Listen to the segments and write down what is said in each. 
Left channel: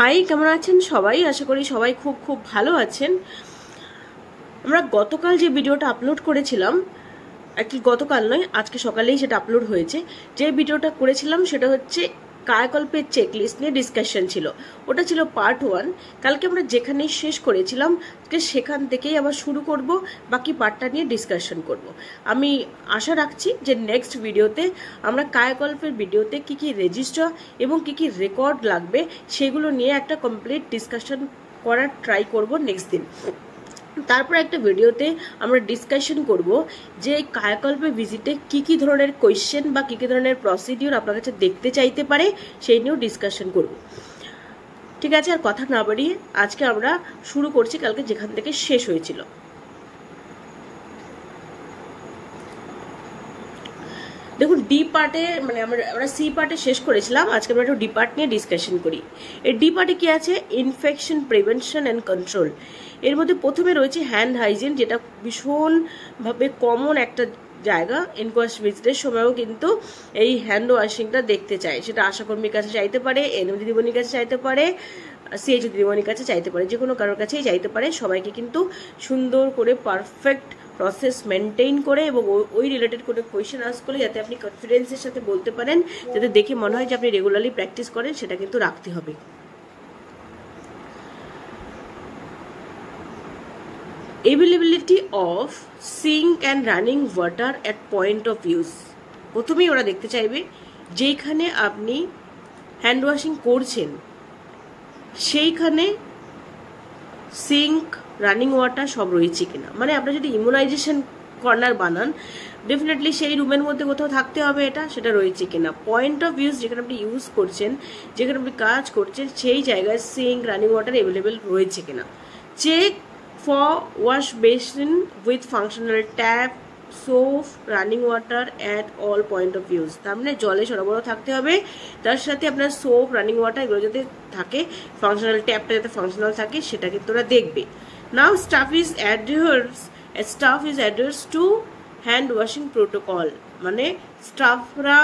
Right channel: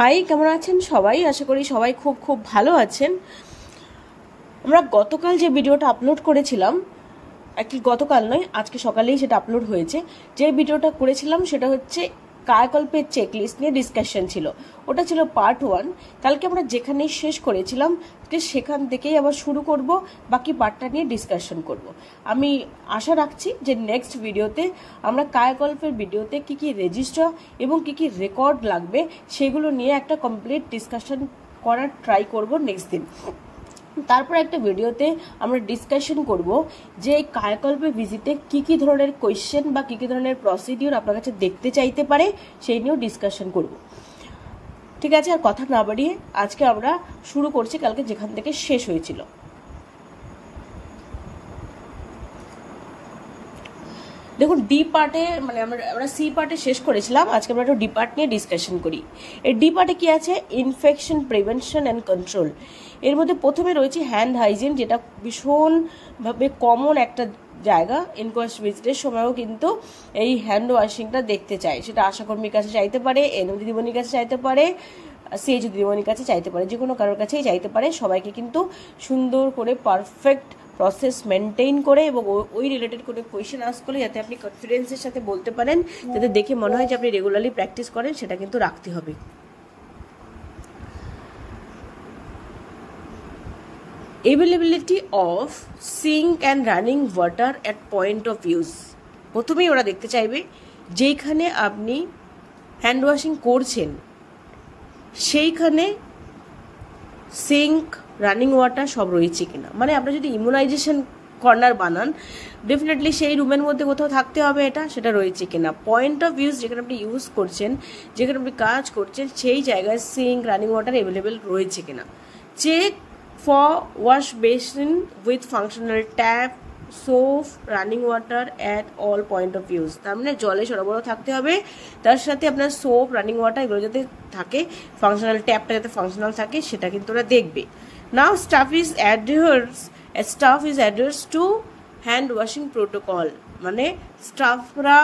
High, কেমন আছেন সবাই? আশা করি সবাই খুব খুব ভালো আছেন। আমরা গতকাল যে ভিডিওটা আপলোড করেছিলাম, অ্যাকচুয়ালি গতকাল নয়, আজকে সকালেই সেটা আপলোড হয়েছে। যে ভিডিওটা করেছিলাম সেটা হচ্ছে কায়াকল্পের চেকলিস্ট নিয়ে ডিসকাশন ছিল। ওটা ছিল পার্ট 1। কালকে আমরা যেখানে শেষ করেছিলাম সেখান থেকেই আবার শুরু করব, বাকি পার্টটা নিয়ে ডিসকাশন করব। আমি আশা রাখছি যে নেক্সট ভিডিওতে আমরা কায়াকল্পের ভিডিওতে কি কি রেজিস্টার এবং কি কি রেকর্ড লাগবে সেগুলো নিয়ে একটা কমপ্লিট ডিসকাশন করার ট্রাই করব নেক্সট দিন। তারপর একটা ভিডিওতে আমরা ডিসকাশন করব যে কায়াকল্পে ভিজিটে কি কি ধরনের কোয়েশ্চেন বা কি কি ধরনের প্রসিডিউর আপনার কাছে দেখতে চাইতে পারে সেই নিয়েও ডিসকাশন করব। ঠিক আছে, আর কথা না বাড়িয়ে আজকে আমরা শুরু করছি কালকে যেখান থেকে শেষ হয়েছিল। দেখুন, ডি পার্টে মানে আমরা সি পার্টে শেষ করেছিলাম, আজকে আমরা একটু ডি পার্ট নিয়ে ডিসকাশন করি। এই ডি পার্টে কি আছে? Infection prevention and control. এর মধ্যে প্রথমে রয়েছে হ্যান্ড হাইজিন, যেটা ভীষণভাবে কমন একটা জায়গা। ইনকোয়েস্ট ভিজিটের সময়ও কিন্তু এই হ্যান্ড ওয়াশিংটা দেখতে চায়। সেটা আশাকর্মীর কাছে চাইতে পারে, এনএম দিদিমণির কাছে চাইতে পারে, সিএইচ দিদিমণির কাছে চাইতে পারে, যে কোনো কারোর কাছেই চাইতে পারে। সবাইকে কিন্তু সুন্দর করে পারফেক্ট প্রসেস মেনটেইন করে এবং ওই রিলেটেড কোনো কোয়েশ্চেন আস্ক করলে যাতে আপনি কনফিডেন্সের সাথে বলতে পারেন, যাতে দেখে মনে হয় যে আপনি রেগুলারলি প্র্যাকটিস করেন, সেটা কিন্তু রাখতে হবে। Availability of sink and running water at point of use। প্রথমেই ওরা দেখতে চাইবে যেইখানে আপনি হ্যান্ড ওয়াশিং করছেন সেইখানে সিঙ্ক, রানিং ওয়াটার সব রয়েছে কিনা। মানে আপনি যদি ইমিউনাইজেশন কর্নার বানান, ডেফিনেটলি সেই রুমের মধ্যে কোথাও থাকতে হবে সেটা রয়েছে কিনা। পয়েন্ট অফ ইউজ যেখানে আপনি ইউজ করছেন, যেখানে আপনি কাজ করছেন, সেই জায়গায় সিঙ্ক, রানিং ওয়াটার অ্যাভেলেবেল রয়েছে কিনা। Check for wash basin with functional tap, soap, running water at all point of use। তার মানে জলে সরবরাহ থাকতে হবে, তার সাথে আপনার সোপ, রানিং ওয়াটার এগুলো যাতে থাকে, ফাংশনাল ট্যাপটা যাতে ফাংশনাল থাকে, সেটা কিন্তু ওরা দেখবে। Now staff is adheres to hand washing protocol. মানে স্টাফরা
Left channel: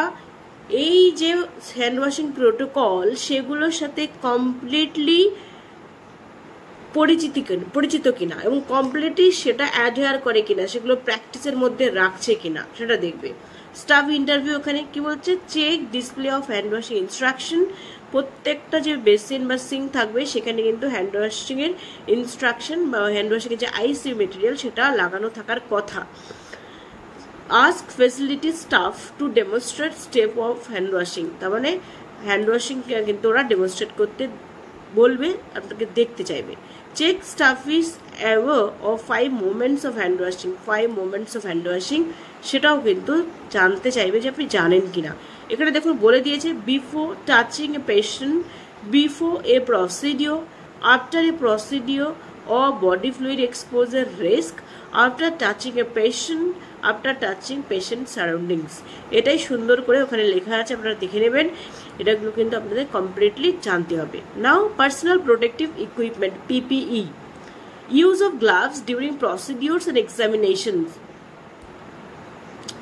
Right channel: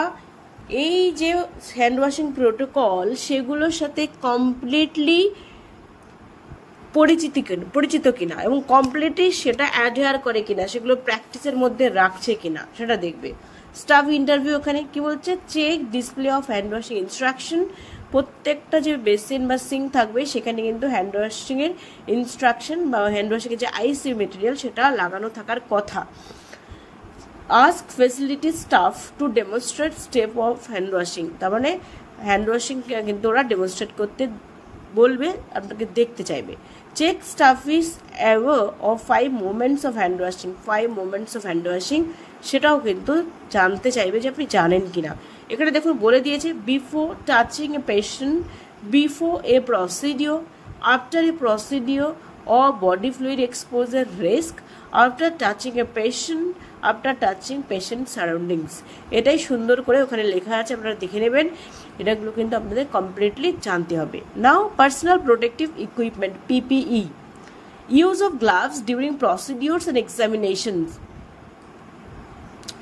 এই যে হ্যান্ড ওয়াশিং প্রোটোকল সেগুলোর সাথে কমপ্লিটলি পরিচিত কিনা এবং কমপ্লিটলি সেটা অ্যাডহেয়ার করে কিনা, সেগুলো প্র্যাকটিসের মধ্যে রাখছে কিনা সেটা দেখবে। স্টাফ ইন্টারভিউ ওখানে কি বলছে? Check display of hand washing instruction. প্রত্যেকটা যে বেসিন বা সিঙ্ক থাকবে সেখানে কিন্তু হ্যান্ড ওয়াশিং এর ইনস্ট্রাকশন বা হ্যান্ড ওয়াশিং এর যে আইসিইউ মেটেরিয়াল সেটা লাগানো থাকার কথা। Ask facility staff to demonstrate step of hand washing. তার মানে হ্যান্ড ওয়াশিং কিন্তু ওরা ডেমনস্ট্রেট করতে বলবে, আপনাকে দেখতে চাইবে। Check staff is aware of 5 moments of hand washing. 5 moments of hand washing সেটাও কিন্তু জানতে চাইবে যে আপনি জানেন কিনা। এখানে দেখুন বলে দিয়েছে, before touching a patient, before a procedure, after a procedure or body fluid exposure risk, after touching a patient, after touching patient surroundings। এটাই সুন্দর করে ওখানে লেখা আছে, আপনারা দেখে নেবেন। এটাগুলো কিন্তু আপনাদের কমপ্লিটলি জানতে হবে। Now personal protective equipment, PPE, use of gloves during procedures and examinations.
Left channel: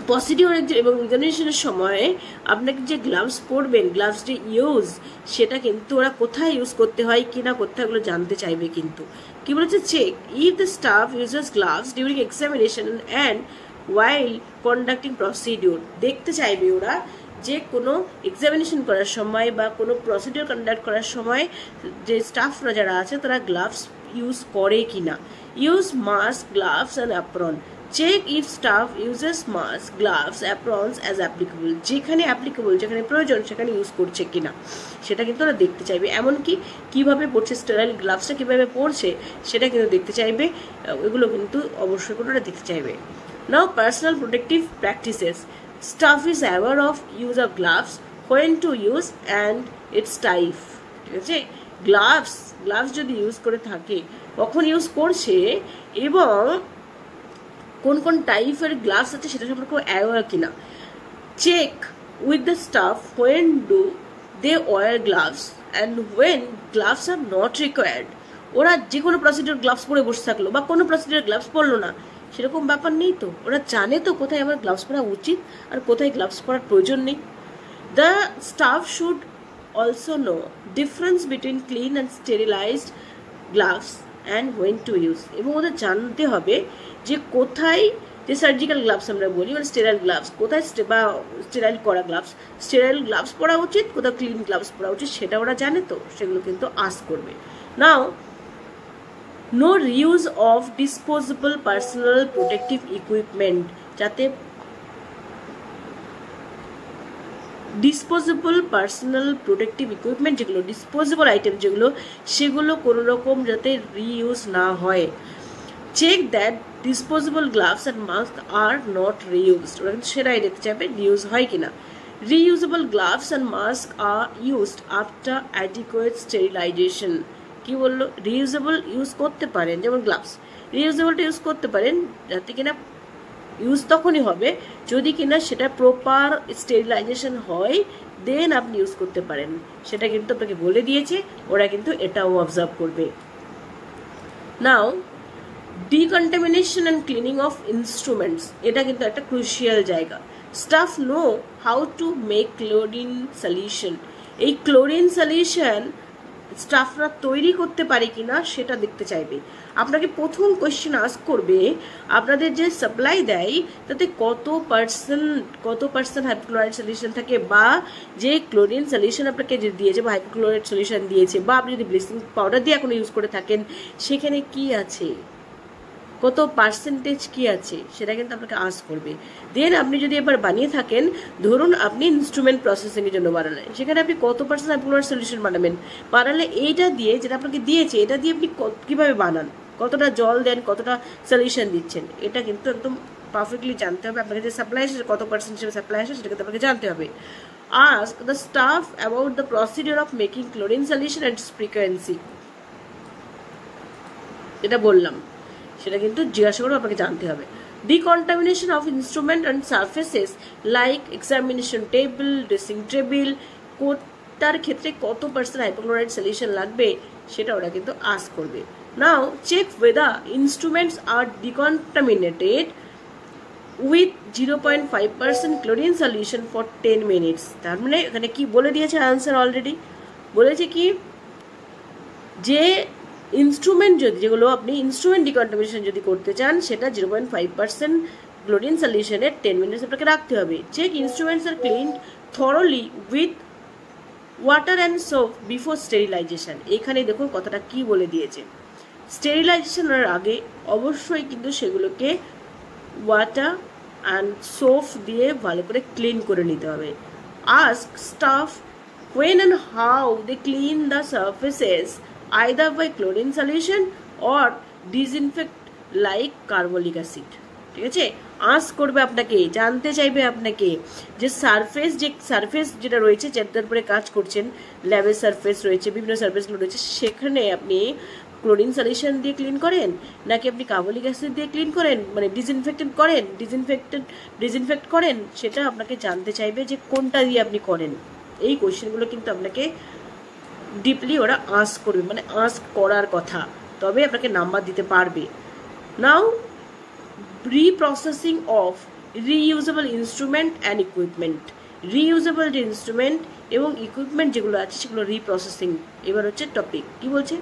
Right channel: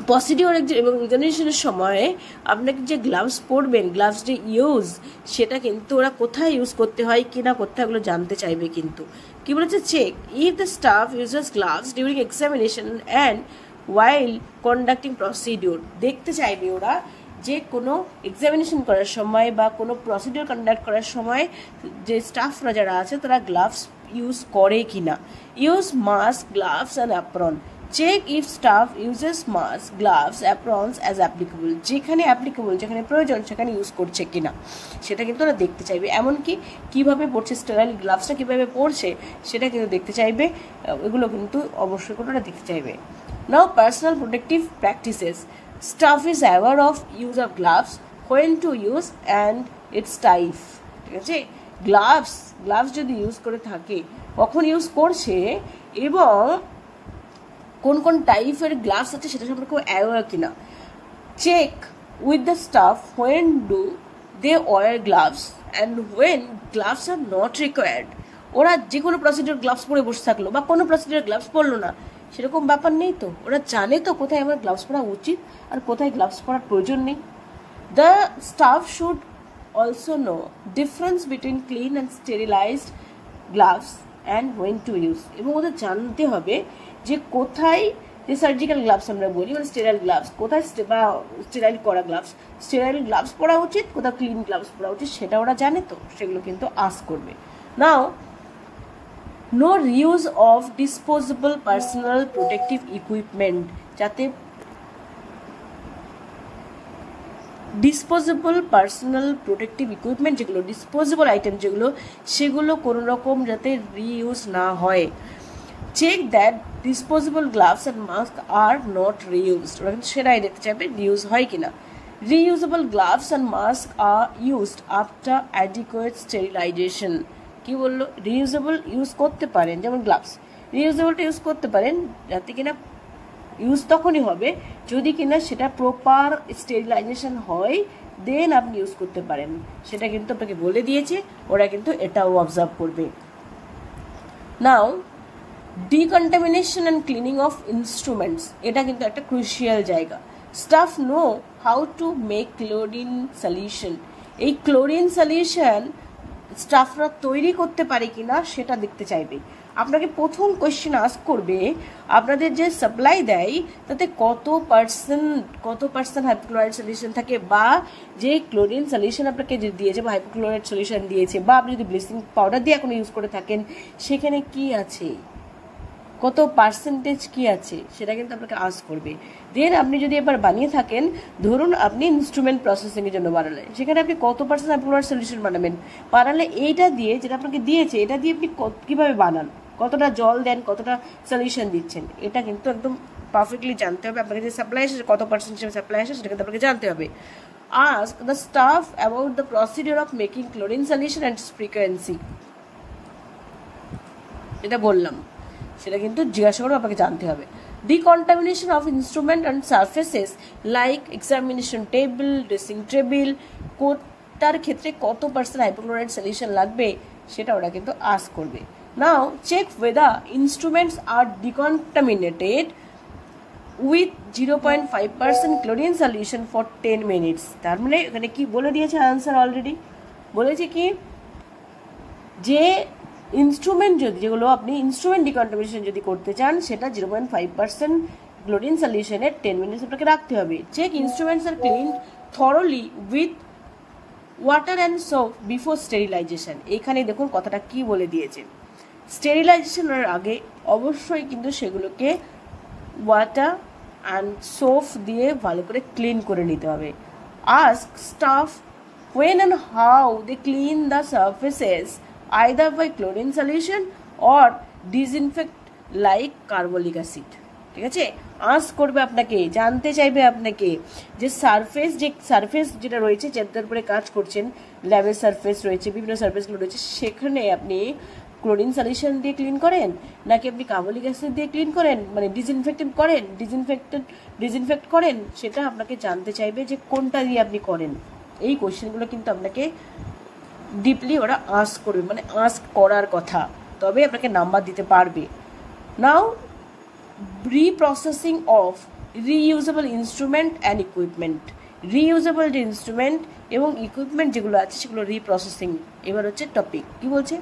Procedure এবং এক্সামিনেশনের সময় আপনাকে যে গ্লাভস পরবেন, গ্লাভস যে ইউজ, সেটা কিন্তু ওরা কোথায় ইউজ করতে হয় কিনা করতে এগুলো জানতে চাইবে। কিন্তু কি বলেছে? Check if the staff uses gloves during examination and while conducting procedure. দেখতে চাইবে ওরা যে কোনো এক্সামিনেশন করার সময় বা কোনো প্রসিডিওর কন্ডাক্ট করার সময় যে স্টাফরা যারা আছে তারা গ্লাভস ইউজ করে কিনা। Use mask, gloves and apron. Check if staff uses mask, gloves, aprons as applicable. যেখানে অ্যাপ্লিকেবল, যেখানে প্রয়োজন সেখানে ইউজ করছে কিনা সেটা কিন্তু ওরা দেখতে চাইবে। এমনকি কিভাবে পড়ছে, স্টেরাইল গ্লাভসটা কিভাবে পড়ছে সেটা কিন্তু দেখতে চাইবে। এগুলো কিন্তু অবশ্যই করে ওরা দেখতে চাইবে। Now personal protective practices. Staff is aware of use of gloves, when to use and its type. ঠিক আছে, গ্লাভস যদি ইউজ করে থাকে কখন ইউজ করছে এবং কোন কোন টাইপের গ্লাভস আছে সেটা সম্পর্কে অ্যাওয়ার কিনা। Check with the staff when do they wear gloves and when gloves are not required. ওরা যে কোনো প্রসিডিওর গ্লাভস পরে বসে থাকলো বা কোনো প্রসিডিওর গ্লাভস পরলো না, সেরকম ব্যাপার নেই তো। ওরা জানে তো কোথায় আমার গ্লাভস পরা উচিত আর কোথায় গ্লাভস পরার প্রয়োজন নেই। The staff should also know difference between clean and sterilized gloves and when to use. এবং ওদের জানতে হবে যে কোথায় যে সার্জিক্যাল গ্লাভস আমরা বলি মানে স্টেরাইল গ্লাভস, কোথায় বা স্টেরাইল করা গ্লাভস, স্টেরাইল গ্লাভস পরা উচিত, কোথাও ক্লিন গ্লাভস পরা উচিত, সেটা ওরা জানে, তো সেগুলো কিন্তু আস্ক করবে। Now no reuse of disposable personal protective equipment, যাতে ডিসপোজেবল পার্সোনাল প্রোটেক্টিভ ইকুইপমেন্ট যেগুলো ডিসপোজেবল আইটেম যেগুলো, সেগুলো কোনো রকম যাতে রিইউজ না হয়। Check that disposable gloves and mask are not reused, ওরা কিন্তু সেটাই দেখতে চাইবে রিইউজ হয় কিনা। Reusable gloves and mask are used after adequate sterilisation. কি বললো? রিইউজেবল ইউজ করতে পারেন, যেমন গ্লাভস রিইউজেবলটা ইউজ করতে পারেন যাতে কিনা ইউজ তখনই হবে যদি কিনা সেটা প্রপার স্টেরিলাইজেশন হয়, দেন আপনি ইউজ করতে পারেন। সেটা কিন্তু আপনাকে বলে দিয়েছে, ওরা কিন্তু এটাও অবজার্ভ করবে। Now decontamination and cleaning of instruments, এটা কিন্তু একটা ক্রুশিয়াল জায়গা। Staff know how to make chlorine solution, এই ক্লোরিন সলিউশন স্টাফরা তৈরি করতে পারে কিনা সেটা দেখতে চাইবে। আপনাকে প্রথম কোয়েশ্চেন আস্ক করবে আপনাদের যে সাপ্লাই দেয় তাতে কত পার্সেন্ট হাইপোক্লোরাইড সলিউশন থাকে, বা যে ক্লোরিন সলিউশন আপনাকে যে দিয়েছে বা হাইপোক্লোরাইড সলিউশন দিয়েছে, বা আপনি যদি ব্লিচিং পাউডার দিয়ে এখনো ইউজ করে থাকেন সেখানে কি আছে, কত পার্সেন্টেজ কি আছে, সেটা কিন্তু আপনাকে আস্ক করবে। দেন আপনি যদি এবার বানিয়ে থাকেন, ধরুন আপনি ইনস্ট্রুমেন্ট প্রসেসিং এর জন্য বানালেন, সেখানে আপনি কত পার্সেন্ট হাইপোক্লোরাইড সলিউশন বানালে এইটা দিয়ে যেটা আপনাকে দিয়েছে এটা দিয়ে আপনি কিভাবে বানান, কতটা জল দেন, কতটা সলিউশন দিচ্ছেন, এটা কিন্তু একদম পারফেক্টলি জানতে হবে। আপনাকে যে সাপ্লাই আসে কত পার্সেন্ট সাপ্লাই আসে সেটা কিন্তু আপনাকে জানতে হবে। Ask the staff about the procedure of making chlorine solution and frequency, এটা বললাম, সেটা কিন্তু জিজ্ঞাসা করে আপনাকে জানতে হবে। Decontamination of instrument and surfaces like examination table, dressing table, তার ক্ষেত্রে কত পার্সেন্ট হাইপোক্লোরাইড সলিউশন লাগবে সেটা ওরা কিন্তু আস্ক করবে। নাও check whether instruments are decontaminated with 0.5% chlorine solution for 10 minutes। তার মানে এখানে কি বলে দিয়েছে আনসার অলরেডি, বলেছে কি যে ইনস্ট্রুমেন্ট যেগুলো আপনি ইনস্ট্রুমেন্ট ডিকন্টামিনেশন যদি করতে চান সেটা 0.5% ক্লোরিন সলিউশনের 10 মিনিটস আপনাকে রাখতে হবে। Check instruments are cleaned thoroughly with water and soap before sterilisation. এখানে দেখুন কথাটা কি বলে দিয়েছে, স্টেরিলাইজেশনের আগে অবশ্যই কিন্তু সেগুলোকে ওয়াটার অ্যান্ড সোপ দিয়ে ভালো করে ক্লিন করে নিতে হবে। Ask staff when and how they clean the surfaces either by chlorine solution or disinfect like carbolic acid। ঠিক আছে, আস্ক করবে আপনাকে, জানতে চাইবে আপনাকে যে সারফেস যেটা রয়েছে যাদের উপরে কাজ করছেন, ল্যাবের সারফেস রয়েছে, বিভিন্ন সারফেসগুলো রয়েছে, সেখানে আপনি ক্লোরিন সলিউশন দিয়ে ক্লিন করেন নাকি আপনি কার্বলিক অ্যাসিড দিয়ে ক্লিন করেন, মানে ডিসইনফেক্ট করেন, সেটা আপনাকে জানতে চাইবে যে কোনটা দিয়ে আপনি করেন। এই কোয়েশ্চেনগুলো কিন্তু আপনাকে ডিপলি ওরা আস্ক করবে, মানে আস্ক করার কথা, তবে আপনাকে নাম্বার দিতে পারবে। Now reprocessing of reusable instrument and equipment, reusable যে ইনস্ট্রুমেন্ট এবং ইকুইপমেন্ট যেগুলো আছে সেগুলো রিপ্রসেসিং। এবার হচ্ছে টপিক কি বলছে,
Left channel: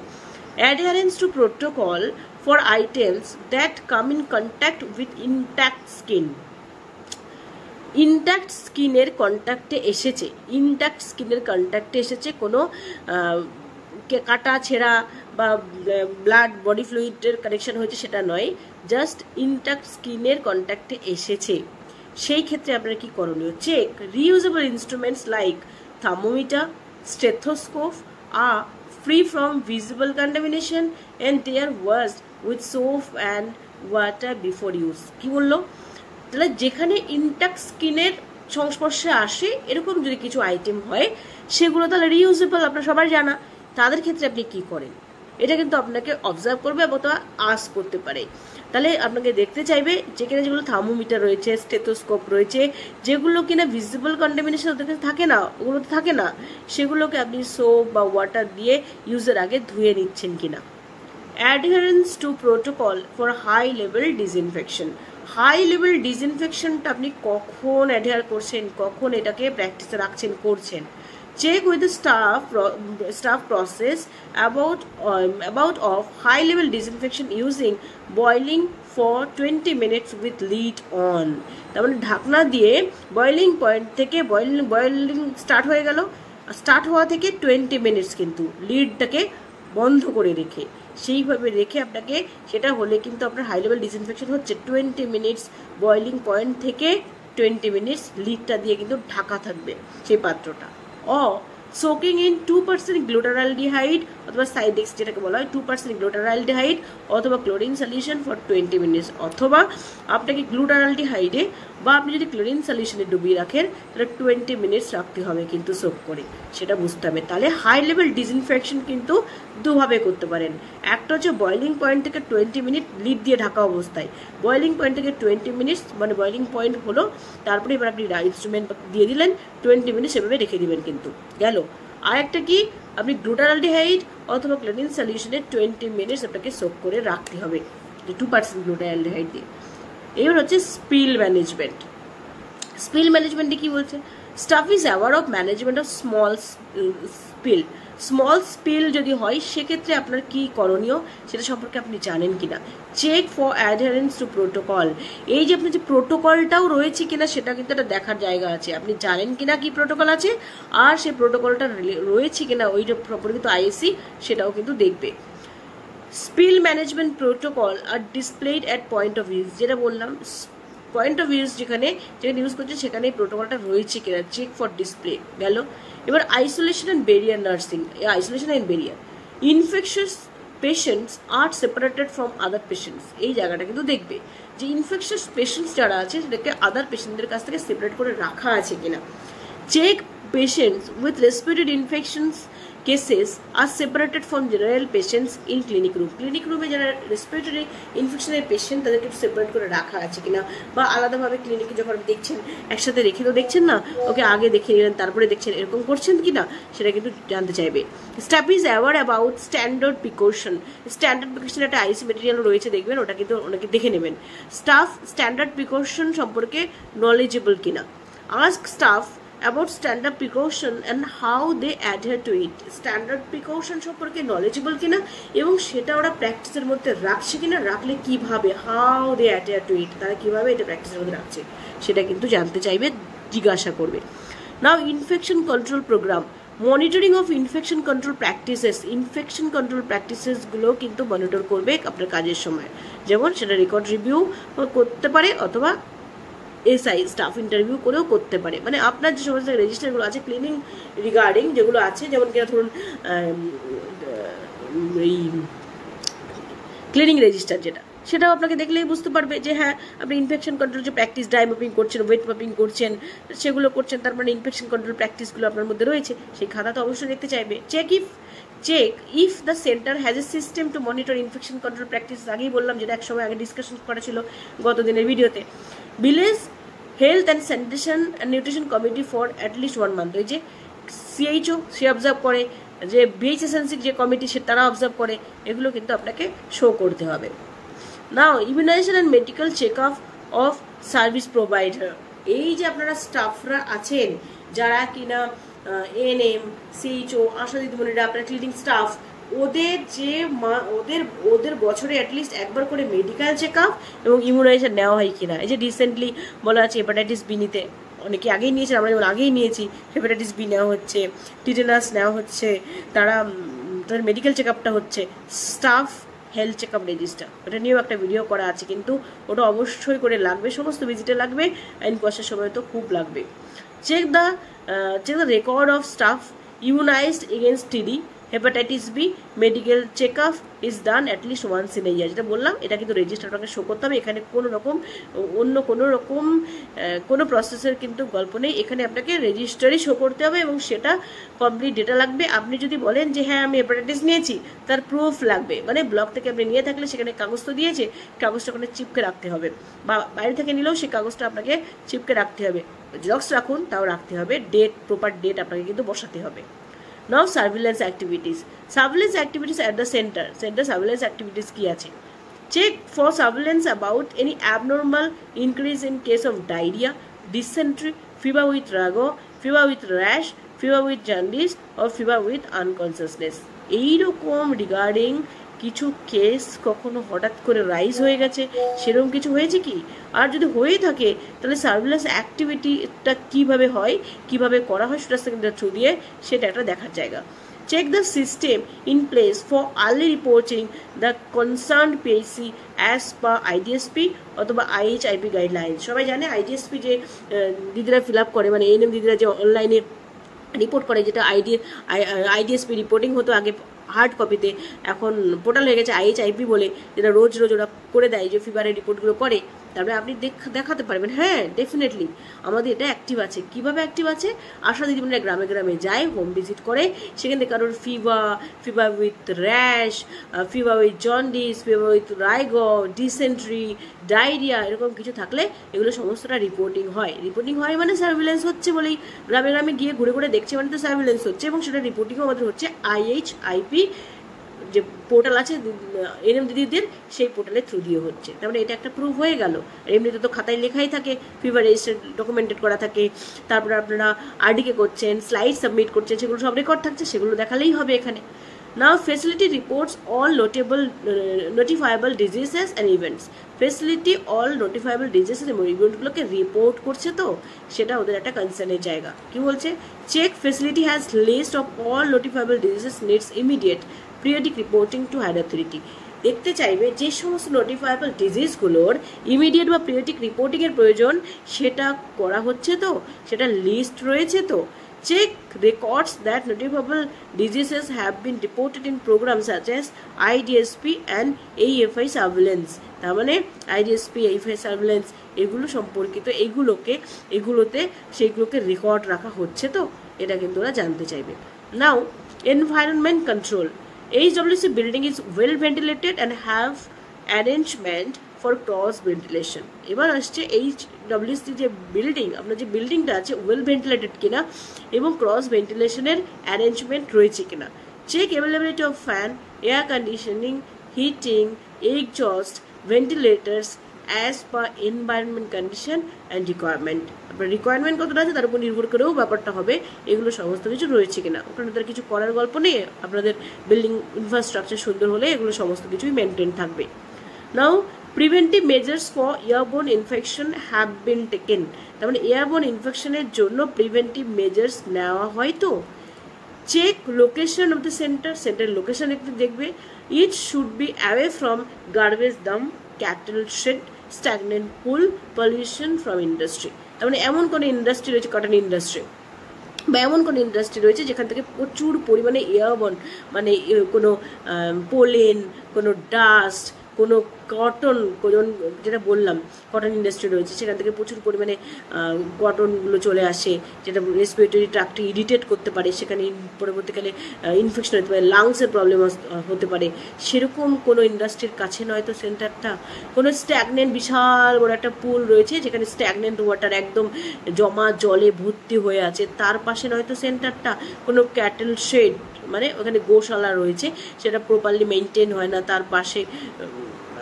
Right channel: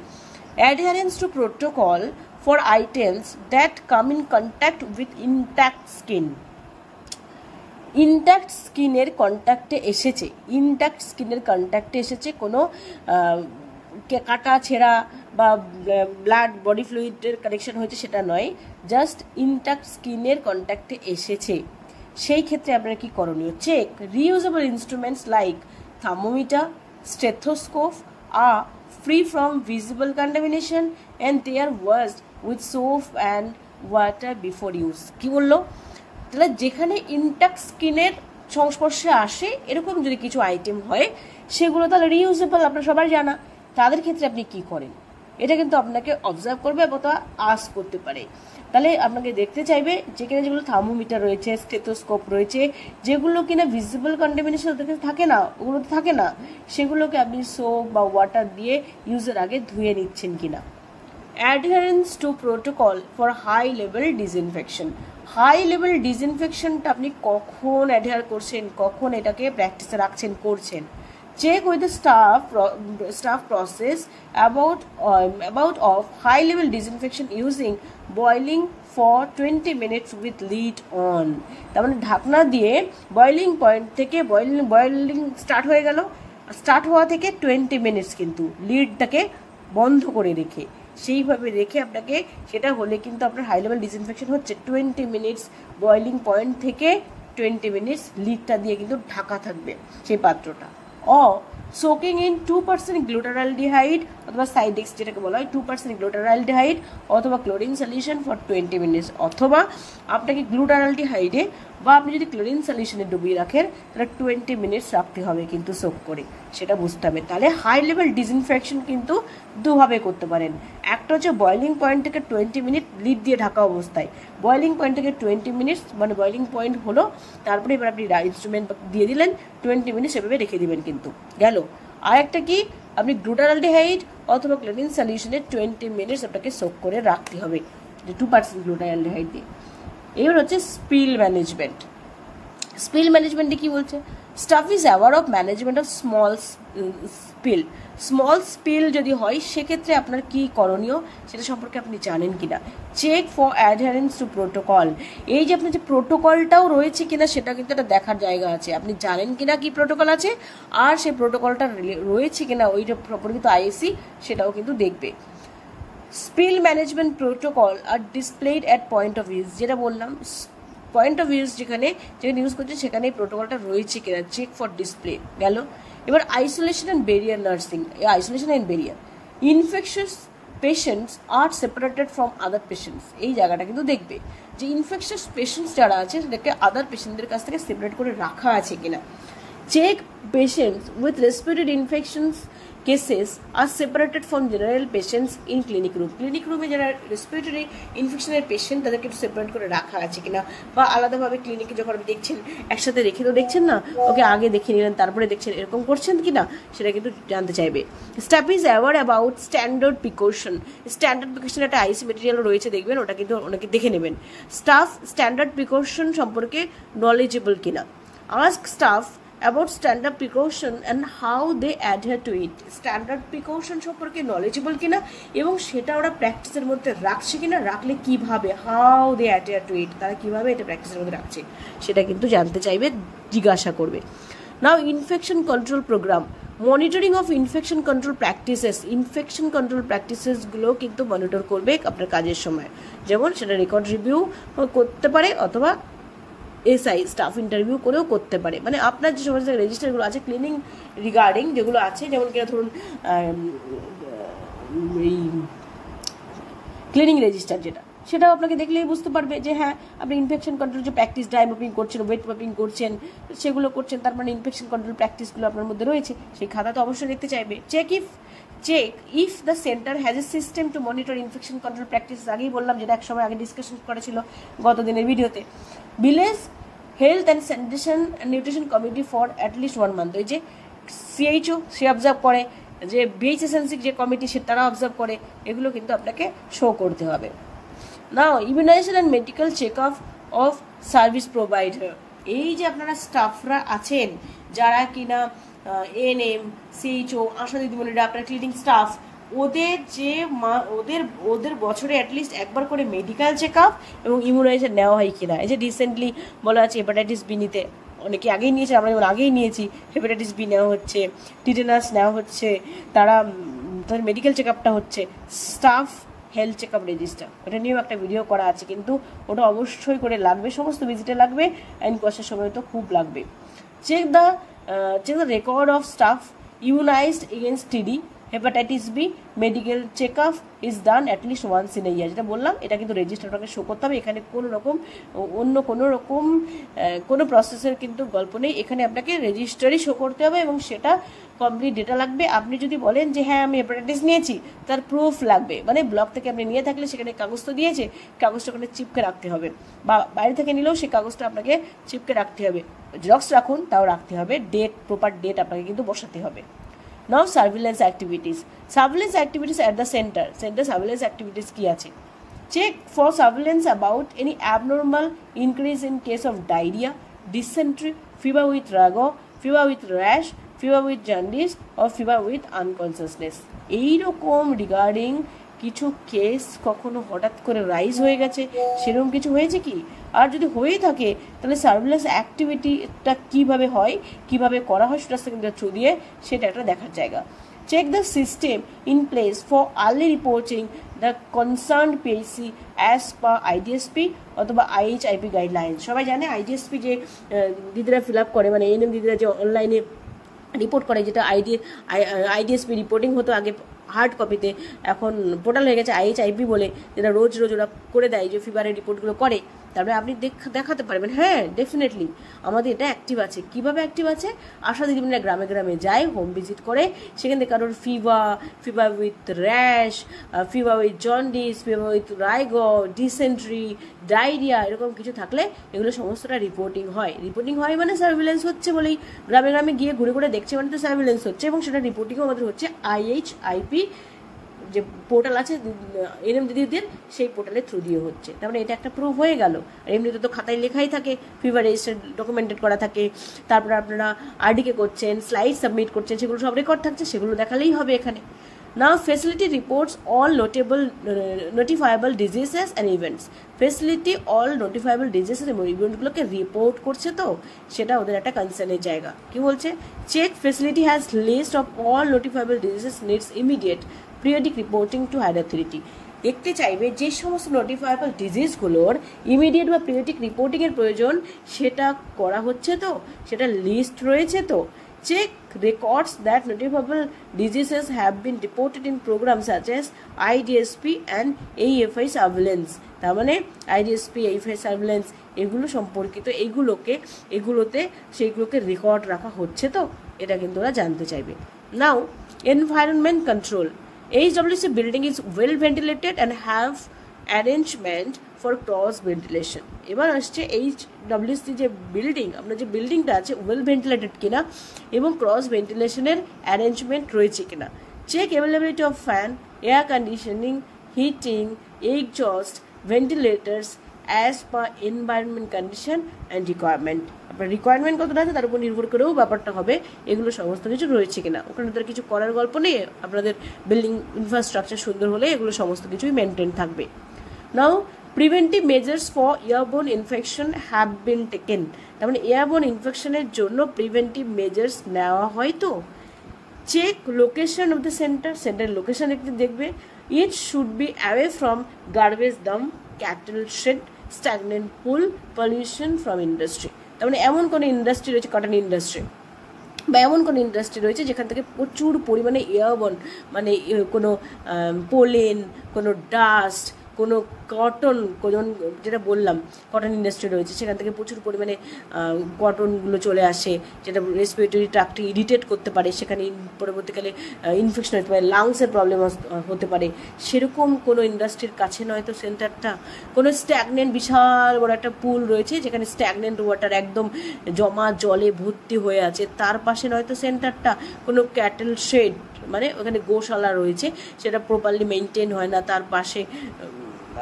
adherence to protocol for items that come in contact with intact skin। Intact স্কিনের কন্ট্যাক্টে এসেছে, কোনো কাটা ছেঁড়া বা ব্লাড বডি ফ্লুইডের কানেকশন হয়েছে সেটা নয়, জাস্ট ইনট্যাক্ট স্কিনের কন্ট্যাক্টে এসেছে, সেই ক্ষেত্রে আপনার কি করণীয়। Check reusable instruments like thermometer, stethoscope are free from visible contamination and they are washed with soap and water before use। কি বললো, তাহলে যেখানে ইনট্যাক্ট স্কিনের সংস্পর্শে আসে এরকম যদি কিছু আইটেম হয় সেগুলো তাহলে রিইউজেবল, আপনার সবার জানা, তাদের ক্ষেত্রে আপনি কি করেন, এটা কিন্তু আপনাকে অবজার্ভ করবে এবং তা আস্ক করতে পারে। তাহলে আপনাকে দেখতে চাইবে যেখানে যেগুলো থার্মোমিটার রয়েছে, স্টেথোস্কোপ রয়েছে, যেগুলো কিনা ভিজিবল কন্টামিনেশন ওদের কাছে থাকে না, ওগুলো থাকে না, সেগুলোকে আপনি সোপ বা ওয়াটার দিয়ে ইউজের আগে ধুয়ে নিচ্ছেন কিনা। Adherence to protocol for high level disinfection, high level ডিসইনফেকশনটা আপনি কখন অ্যাডহার করছেন, কখন এটাকে প্র্যাকটিসে রাখছেন করছেন। Check with the staff process about of high level disinfection using boiling for 20 minutes with lid on. তার মানে ঢাকনা দিয়ে বয়লিং পয়েন্ট থেকে বয়লিং স্টার্ট হয়ে গেল, স্টার্ট হওয়া থেকে 20 মিনিটস কিন্তু লিডটাকে বন্ধ করে রেখে সেইভাবে রেখে আপনাকে, সেটা হলে কিন্তু আপনার হাই লেভেল ডিসইনফেকশন হচ্ছে। 20 মিনিটস বয়লিং পয়েন্ট থেকে 20 মিনিটস লিডটা দিয়ে কিন্তু ঢাকা থাকবে সেই পাত্রটা। সোকিং ইন 2% গ্লুটারালডিহাইড অথবা সাইডেক্স যেটাকে বলা হয় 2% গ্লুটারালডিহাইড অথবা ক্লোরিন সলিউশন ফর 20 মিনিটস, অথবা আপনাকে গ্লুটারালডিহাইডে বা আপনি যদি ক্লোরিন সলিউশনে ডুবিয়ে রাখেন তাহলে 20 মিনিটস রাখতে হবে কিন্তু সোক করে, সেটা বুঝতে হবে। তাহলে হাই লেভেল ডিসইনফেকশন কিন্তু দুভাবে করতে পারেন। একটা হচ্ছে বয়লিং পয়েন্ট থেকে 20 মিনিট লিড দিয়ে ঢাকা অবস্থায়, বয়লিং পয়েন্ট থেকে 20 মিনিটস মানে বয়লিং পয়েন্ট হলো, তারপরে এবার আপনি ইনস্ট্রুমেন্ট দিয়ে দিলেন 20 মিনিটস এভাবে রেখে দিবেন কিন্তু গেল। আর একটা কি, আপনি গ্লুটারালডিহাইড অথবা ক্লোরিন সলিউশনে 20 মিনিটস আপনাকে সোক করে রাখতে হবে 2% গ্লুটারালডিহাইড দিয়ে। এবার হচ্ছে স্পিল ম্যানেজমেন্ট। স্পিল ম্যানেজমেন্টে কি বলছে, staff is aware of management of small spill. Small spill যদি হয় সেক্ষেত্রে আপনার কি করণীয় সেটা সম্পর্কে আপনি জানেন কিনা। Check for adherence to protocol, এই যে আপনার যে প্রোটোকলটাও রয়েছে কিনা সেটা কিন্তু একটা দেখার জায়গা আছে, আপনি জানেন কিনা কি প্রোটোকল আছে আর সেই প্রোটোকলটা রয়েছে কিনা ওইটা প্রপরিত আইএসসি সেটাও কিন্তু দেখবে। Spill management protocol are displayed at point of use, যেটা বললাম পয়েন্ট অফ ইউজ যেখানে ইউজ করছে সেখানে প্রোটোকলটা রয়েছে কিনা, চেক ফর ডিসপ্লে গেল। এবার isolation and barrier nursing, isolation and barrier, infectious patients are separated from other patients, এই জায়গাটা কিন্তু দেখবে যে ইনফেকশাস পেশেন্টস যারা আছে সেটাকে আদার পেশেন্টদের কাছ থেকে সেপারেট করে রাখা আছে কিনা। Check patients with respiratory infections cases are separated from general patients in clinic room. Clinic রুমে যারা রেসপিরেটরি ইনফেকশনের পেশেন্ট তাদেরকে একটু সেপারেট করে রাখা আছে কিনা, বা আলাদাভাবে ক্লিনিকে যখন দেখছেন একসাথে রেখে তো দেখছেন না, ওকে আগে দেখে নিলেন তারপরে দেখছেন, এরকম করছেন কিনা সেটা কিন্তু জানতে চাইবে। Staff is aware about standard precaution, standard precaution একটা আইসি মেটেরিয়াল রয়েছে দেখবেন, ওটা কিন্তু ওনাকে দেখে নেবেন। স্টাফ স্ট্যান্ডার্ড প্রিকশন সম্পর্কে নলেজেবল কিনা। Ask staff about standard precaution and how they adhere to it, standard precaution সম্পর্কে নলেজেবল কিনা এবং সেটা ওরা প্র্যাকটিসের মধ্যে রাখছে কিনা, রাখলে কিভাবে, হাউ দে অ্যাডহেয়ার টু ইট, তারা কিভাবে এটা প্র্যাকটিসের মধ্যে রাখছে সেটা কিন্তু জানতে চাইবে, জিজ্ঞাসা করবে। Now infection control programme, monitoring of infection control practices, infection control প্র্যাকটিসেসগুলো কিন্তু মনিটর করবে আপনার কাজের সময়, যেমন সেটা রেকর্ড রিভিউ করতে পারে অথবা এসআই স্টাফ ইন্টারভিউ করেও করতে পারে। মানে আপনার যে সমস্ত রেজিস্টারগুলো আছে ক্লিনিং রিগার্ডিং যেগুলো আছে, যেমন কিনা ধরুন এই ক্লিনিং রেজিস্টার যেটা, সেটাও আপনাকে দেখলেই বুঝতে পারবে যে হ্যাঁ আপনি ইনফেকশন কন্ট্রোল যে প্র্যাকটিস, ড্রাই মপিং করছেন, ওয়েট মপিং করছেন, সেগুলো করছেন, তার মানে ইনফেকশন কন্ট্রোল প্র্যাকটিসগুলো আপনার মধ্যে রয়েছে, সেই খাতা তো অবশ্যই দেখতে চাইবে। Check if the centre has a system to monitor infection control practice, আগেই বললাম যেটা এক সময় আগে ডিসকাশন করা ছিল গত দিনের ভিডিওতে। Village health and sanitation and nutrition committee for at least 1 month, ওই যে সিএইচও সে অবজার্ভ করে, যে বিএইচএসএনসি যে কমিটি সে তারা অবজার্ভ করে, এগুলো কিন্তু আপনাকে শো করতে হবে। Now immunisation and medical check up of service provider, এই যে আপনারা স্টাফরা আছেন যারা কিনা এএনএম, সিএইচও, আশা দিদিমণিরা, আপনার ক্লিনিং স্টাফ, ওদের যে ওদের বছরে অ্যাটলিস্ট একবার করে মেডিকেল চেক আপ এবং ইমিউনাইজেশন নেওয়া হয় কিনা। এই যে রিসেন্টলি বলা আছে হেপাটাইটিস বি নিতে, অনেকে আগেই নিয়েছে, আমরা যেমন আগেই নিয়েছি, হেপাটাইটিস বি নেওয়া হচ্ছে, টিটেনাস নেওয়া হচ্ছে, তাদের মেডিকেল চেক আপটা হচ্ছে। Staff health check up register, ওটা নিয়েও একটা ভিডিও করা আছে, কিন্তু ওটা অবশ্যই করে লাগবে, সমস্ত ভিজিটে লাগবে, আইন কোর্সের সময় তো খুব লাগবে। Check the record of staff immunised against TD, hepatitis B, medical check up is done at least once in a year, যেটা বললাম এটা কিন্তু রেজিস্টারটাকে শো করতে হবে। এখানে কোনো প্রসেসের কিন্তু গল্প নেই, এখানে আপনাকে রেজিস্টারই শো করতে হবে এবং সেটা কমপ্লিট ডেটা লাগবে। আপনি যদি বলেন যে হ্যাঁ আমি হেপাটাইটিস নিয়েছি, তার প্রুফ লাগবে, মানে ব্লক থেকে আপনি নিয়ে থাকলে সেখানে কাগজ তো দিয়েছে, কাগজটা ওখানে চিপকে রাখতে হবে, বা বাইরে থেকে নিলেও সেই কাগজটা আপনাকে চিপকে রাখতে হবে, জেরক্স রাখুন তাও রাখতে হবে, প্রপার ডেট আপনাকে কিন্তু বসাতে হবে। Now surveillance activities at the center surveillance activities কি আছে, check for surveillance about any abnormal increase in case of diarrhea, dysentery, fever with rash, fever with jaundice or fever with unconsciousness. এইরকম regarding কিছু case কখনো হঠাৎ করে rise হয়ে গেছে, সেরকম কিছু হয়েছে কি? আর যদি হয়ে থাকে তাহলে সার্ভিলেন্স অ্যাক্টিভিটিটা কীভাবে হয়, কীভাবে করা হয় সুরাস্তা থ্রু দিয়ে, সেটা একটা দেখার জায়গা। Check the system in place for early reporting the concerned PHC as per IDSP অথবা IHIP guidelines। সবাই জানে IDSP যে দিদিরা ফিল আপ করে, মানে এএনএম দিদিরা যে অনলাইনে রিপোর্ট করে, যেটা IDSP রিপোর্টিং হতো আগে হার্ড কপিতে, এখন পোর্টাল হয়ে গেছে IHIP বলে, যেটা রোজ ওরা করে দেয়, যে ফিভারের রিপোর্টগুলো করে। তারপরে আপনি দেখাতে পারবেন হ্যাঁ ডেফিনেটলি আমাদের এটা অ্যাক্টিভ আছে। কিভাবে অ্যাক্টিভ আছে? আশা দিদিমণিরা গ্রামে গ্রামে যায়, হোম ভিজিট করে, সেখানে কারোর fever with rash, fever with jaundice, fever with rigor, dysentery, diarrhoea, এরকম কিছু থাকলে এগুলো সমস্তটা রিপোর্টিং হয়। রিপোর্টিং হয় মানে সার্ভিলেন্স হচ্ছে বলেই, গ্রামে গ্রামে গিয়ে ঘুরে ঘুরে দেখছে মানে তো সার্ভিলেন্স হচ্ছে, এবং সেটা রিপোর্টিংও আমাদের হচ্ছে IHIP যে পোর্টাল আছে এনএম দিদিদের, সেই পোর্টালের থ্রু দিয়ে হচ্ছে। তার মানে এটা একটা প্রুফ হয়ে গেল। এমনিতে তো খাতায় লেখাই থাকে, ফিভার রেজিস্টার ডকুমেন্টেড করা থাকে, তারপরে আপনারা আরডিকে করছেন, স্লাইড সাবমিট করছেন, সেগুলো সব রেকর্ড থাকছে, সেগুলো দেখালেই হবে এখানে। Now facility reports all notifiable diseases and events. Facility all notifiable diseases and eventগুলোকে রিপোর্ট করছে, তো সেটা ওদের একটা কনসার্নের জায়গা। কি বলছে? Check facility has list of all notifiable diseases needs immediate periodic reporting to higher authority. দেখতে চাইবে যে সমস্ত নোটিফাইবল ডিজিজগুলোর ইমিডিয়েট বা পিরিয়ডিক রিপোর্টিংয়ের প্রয়োজন, সেটা করা হচ্ছে তো, সেটা লিস্ট রয়েছে তো। Check records that notifiable diseases have been reported in programs such as IDSP and AFI surveillance। তার মানে IDSP, AFI surveillance এগুলো সম্পর্কিত এগুলোতে সেইগুলোকে রেকর্ড রাখা হচ্ছে তো, এটা কিন্তু ওরা জানতে চাইবে। Now environment control. HWC building is well ventilated and have arrangement for cross ventilation. এবার আসছে HWC যে বিল্ডিং, আপনার যে বিল্ডিংটা আছে ওয়েল ভেন্টিলেটেড কিনা এবং ক্রস ভেন্টিলেশনের অ্যারেঞ্জমেন্ট রয়েছে কিনা। Check availability of fan, air conditioning, heating, exhaust, ventilators as per environment condition and requirement. আপনার রিকোয়ারমেন্ট কতটা আছে তার উপর নির্ভর করেও ব্যাপারটা হবে, এগুলো সমস্ত কিছু রয়েছে কিনা। ওখানে তার কিছু করার গল্প নেই, আপনাদের বিল্ডিং ইনফ্রাস্ট্রাকচার সুন্দর হলে এগুলো সমস্ত কিছুই মেনটেন থাকবে। Now preventive measures for airborne infection have been taken. তার মানে এয়ারবোর্ন ইনফেকশনের জন্য প্রিভেন্টিভ মেজার্স নেওয়া হয় তো। Check location of the centre location একটু দেখবে। It should be away from garbage dump, cattle shed, stagnant pool, pollution from industry. তার মানে এমন কোনো ইন্ডাস্ট্রি রয়েছে, কটন ইন্ডাস্ট্রি বা এমন কোনো ইন্ডাস্ট্রি রয়েছে যেখান থেকে প্রচুর পরিমাণে এয়ারবোর্ন, মানে কোনো পোলেন, কোনো ডাস্ট, কোনো কটন, যেটা বললাম কটন ইন্ডাস্ট্রি রয়েছে, সেখান থেকে প্রচুর পরিমাণে কটনগুলো চলে আসে, যেটা রেসপিরেটরি ট্র্যাক্টকে ইরিটেট করতে পারে, সেখানে পরবর্তীকালে ইনফেকশন হতে পারে, লাংসের প্রবলেম হতে পারে। সেরকম কোনো ইন্ডাস্ট্রির কাছে নয়তো সেন্টারটা। কোনো স্ট্যাগনেন্ট বিশাল বড় একটা পুল রয়েছে যেখানে স্ট্যাগনেন্ট ওয়াটার একদম জমা জলে ভর্তি হয়ে আছে, তার পাশে নয়তো সেন্টারটা। কোনো ক্যাটেল শেড মানে ওখানে গোশালা রয়েছে, সেটা প্রপারলি মেনটেন হয় না, তার পাশে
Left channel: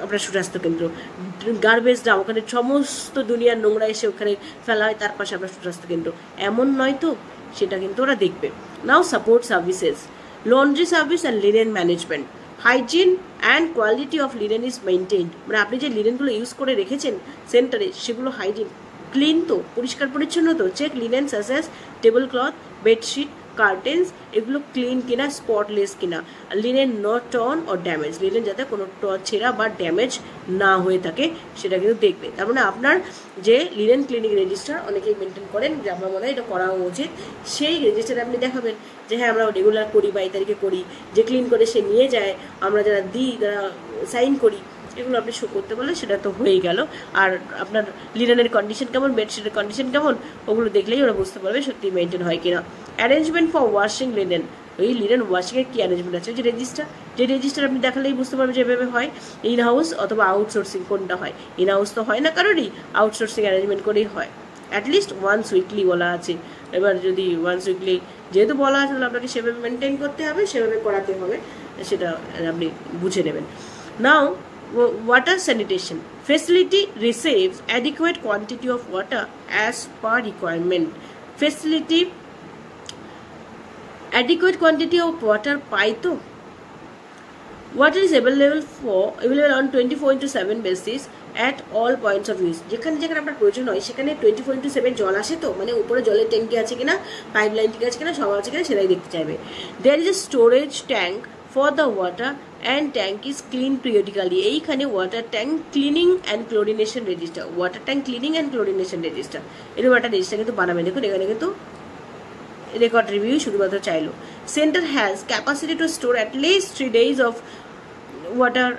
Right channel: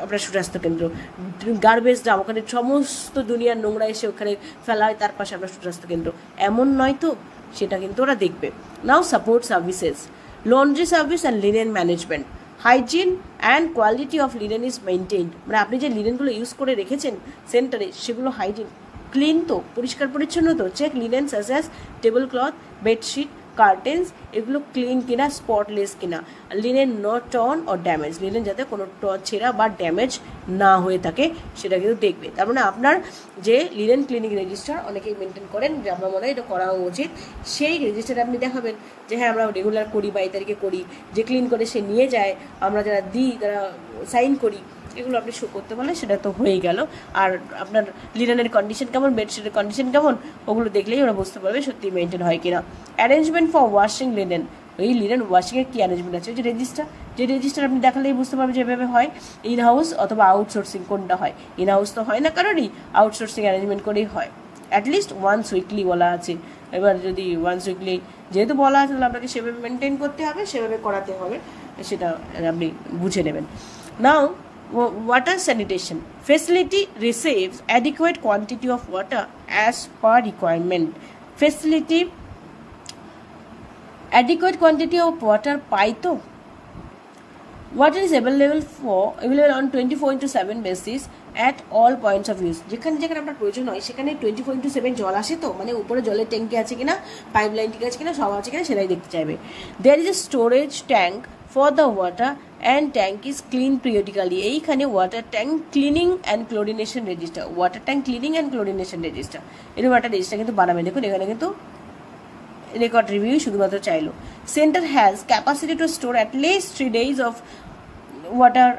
আপনার সুস্বাস্থ্য কেন্দ্র। গার্বেজ ডাম, ওখানে সমস্ত দুনিয়ার নোংরা এসে ওখানে ফেলা হয়, তার পাশে আপনার সুস্বাস্থ্য কেন্দ্র, এমন নয় তো, সেটা কিন্তু ওরা দেখবে। Now support services, laundry service and linen management, hygiene and quality of linen is maintained. মানে আপনি যে লিনেনগুলো ইউজ করে রেখেছেন সেন্টারে, সেগুলো হাইজিন ক্লিন তো, পরিষ্কার পরিচ্ছন্ন তো। Check linen such as table cloth, bedsheet, curtains, এগুলো ক্লিন কিনা, স্পটলেস কিনা। Linen not torn or damage, linen যাতে কোনো ছেঁড়া বা ড্যামেজ না হয়ে থাকে সেটা কিন্তু দেখবে। তার মানে আপনার যে লিনেন ক্লিনিক রেজিস্টার অনেকেই মেনটেন করেন, যে আমার মনে হয় এটা করা উচিত, সেই রেজিস্টারে আপনি দেখাবেন যে হ্যাঁ আমরা রেগুলার করি বা এই তারিখে করি, যে ক্লিন করে সে নিয়ে যায়, আমরা যারা দিই তারা সাইন করি, এগুলো আপনি শো করতে পারলে সেটা তো হয়ে গেল। আর আপনার লিনেনের কন্ডিশন কেমন, বেডশিটের কন্ডিশন কেমন, ওগুলো দেখলেই ওরা বুঝতে পারবে সত্যি মেনটেন হয় কিনা। অ্যারেঞ্জমেন্ট ফর ওয়াশিং লিনেন, এই লিনেন ওয়াশিংয়ের কী অ্যারেঞ্জমেন্ট আছে, যে রেজিস্টার আপনি দেখালেই বুঝতে পারবে যে এভাবে হয়। ইন হাউস অথবা আউটসোর্সিং কোনটা হয়, ইন হাউস তো হয় না কারোরই, আউটসোর্সিং অ্যারেঞ্জমেন্ট করেই হয়। অ্যাটলিস্ট ওয়ান্স উইকলি বলা আছে। এবার যদি ওয়ান্স উইকলি যেহেতু বলা আছে, তাহলে আপনাকে সেভাবে মেনটেন করতে হবে, সেভাবে করাতে হবে, সেটা আপনি বুঝে নেবেন। নাও water sanitation, facility receives adequate quantity of water as per requirement. Facility adequate quantity of water পাই তো? Water is available on 24/7 basis at all points of use. যেখানে যেখানে আপনার প্রয়োজন হয় সেখানে 24/7 জল আসে তো, মানে উপরে জলের ট্যাঙ্কি আছে কিনা, পাইপ লাইন ঠিক আছে কিনা, সব আছে কিনা সেটাই দেখতে চাইবে। There is a storage tank for the water and tank is clean periodically. এইখানে water tank cleaning and chlorination register, water tank cleaning and chlorination register, এরকম একটা রেজিস্টার কিন্তু বানাবে। দেখুন এখানে কিন্তু রেকর্ড রিভিউ শুধুমাত্র চাইলো। Centre has capacity two store at least 3 days of water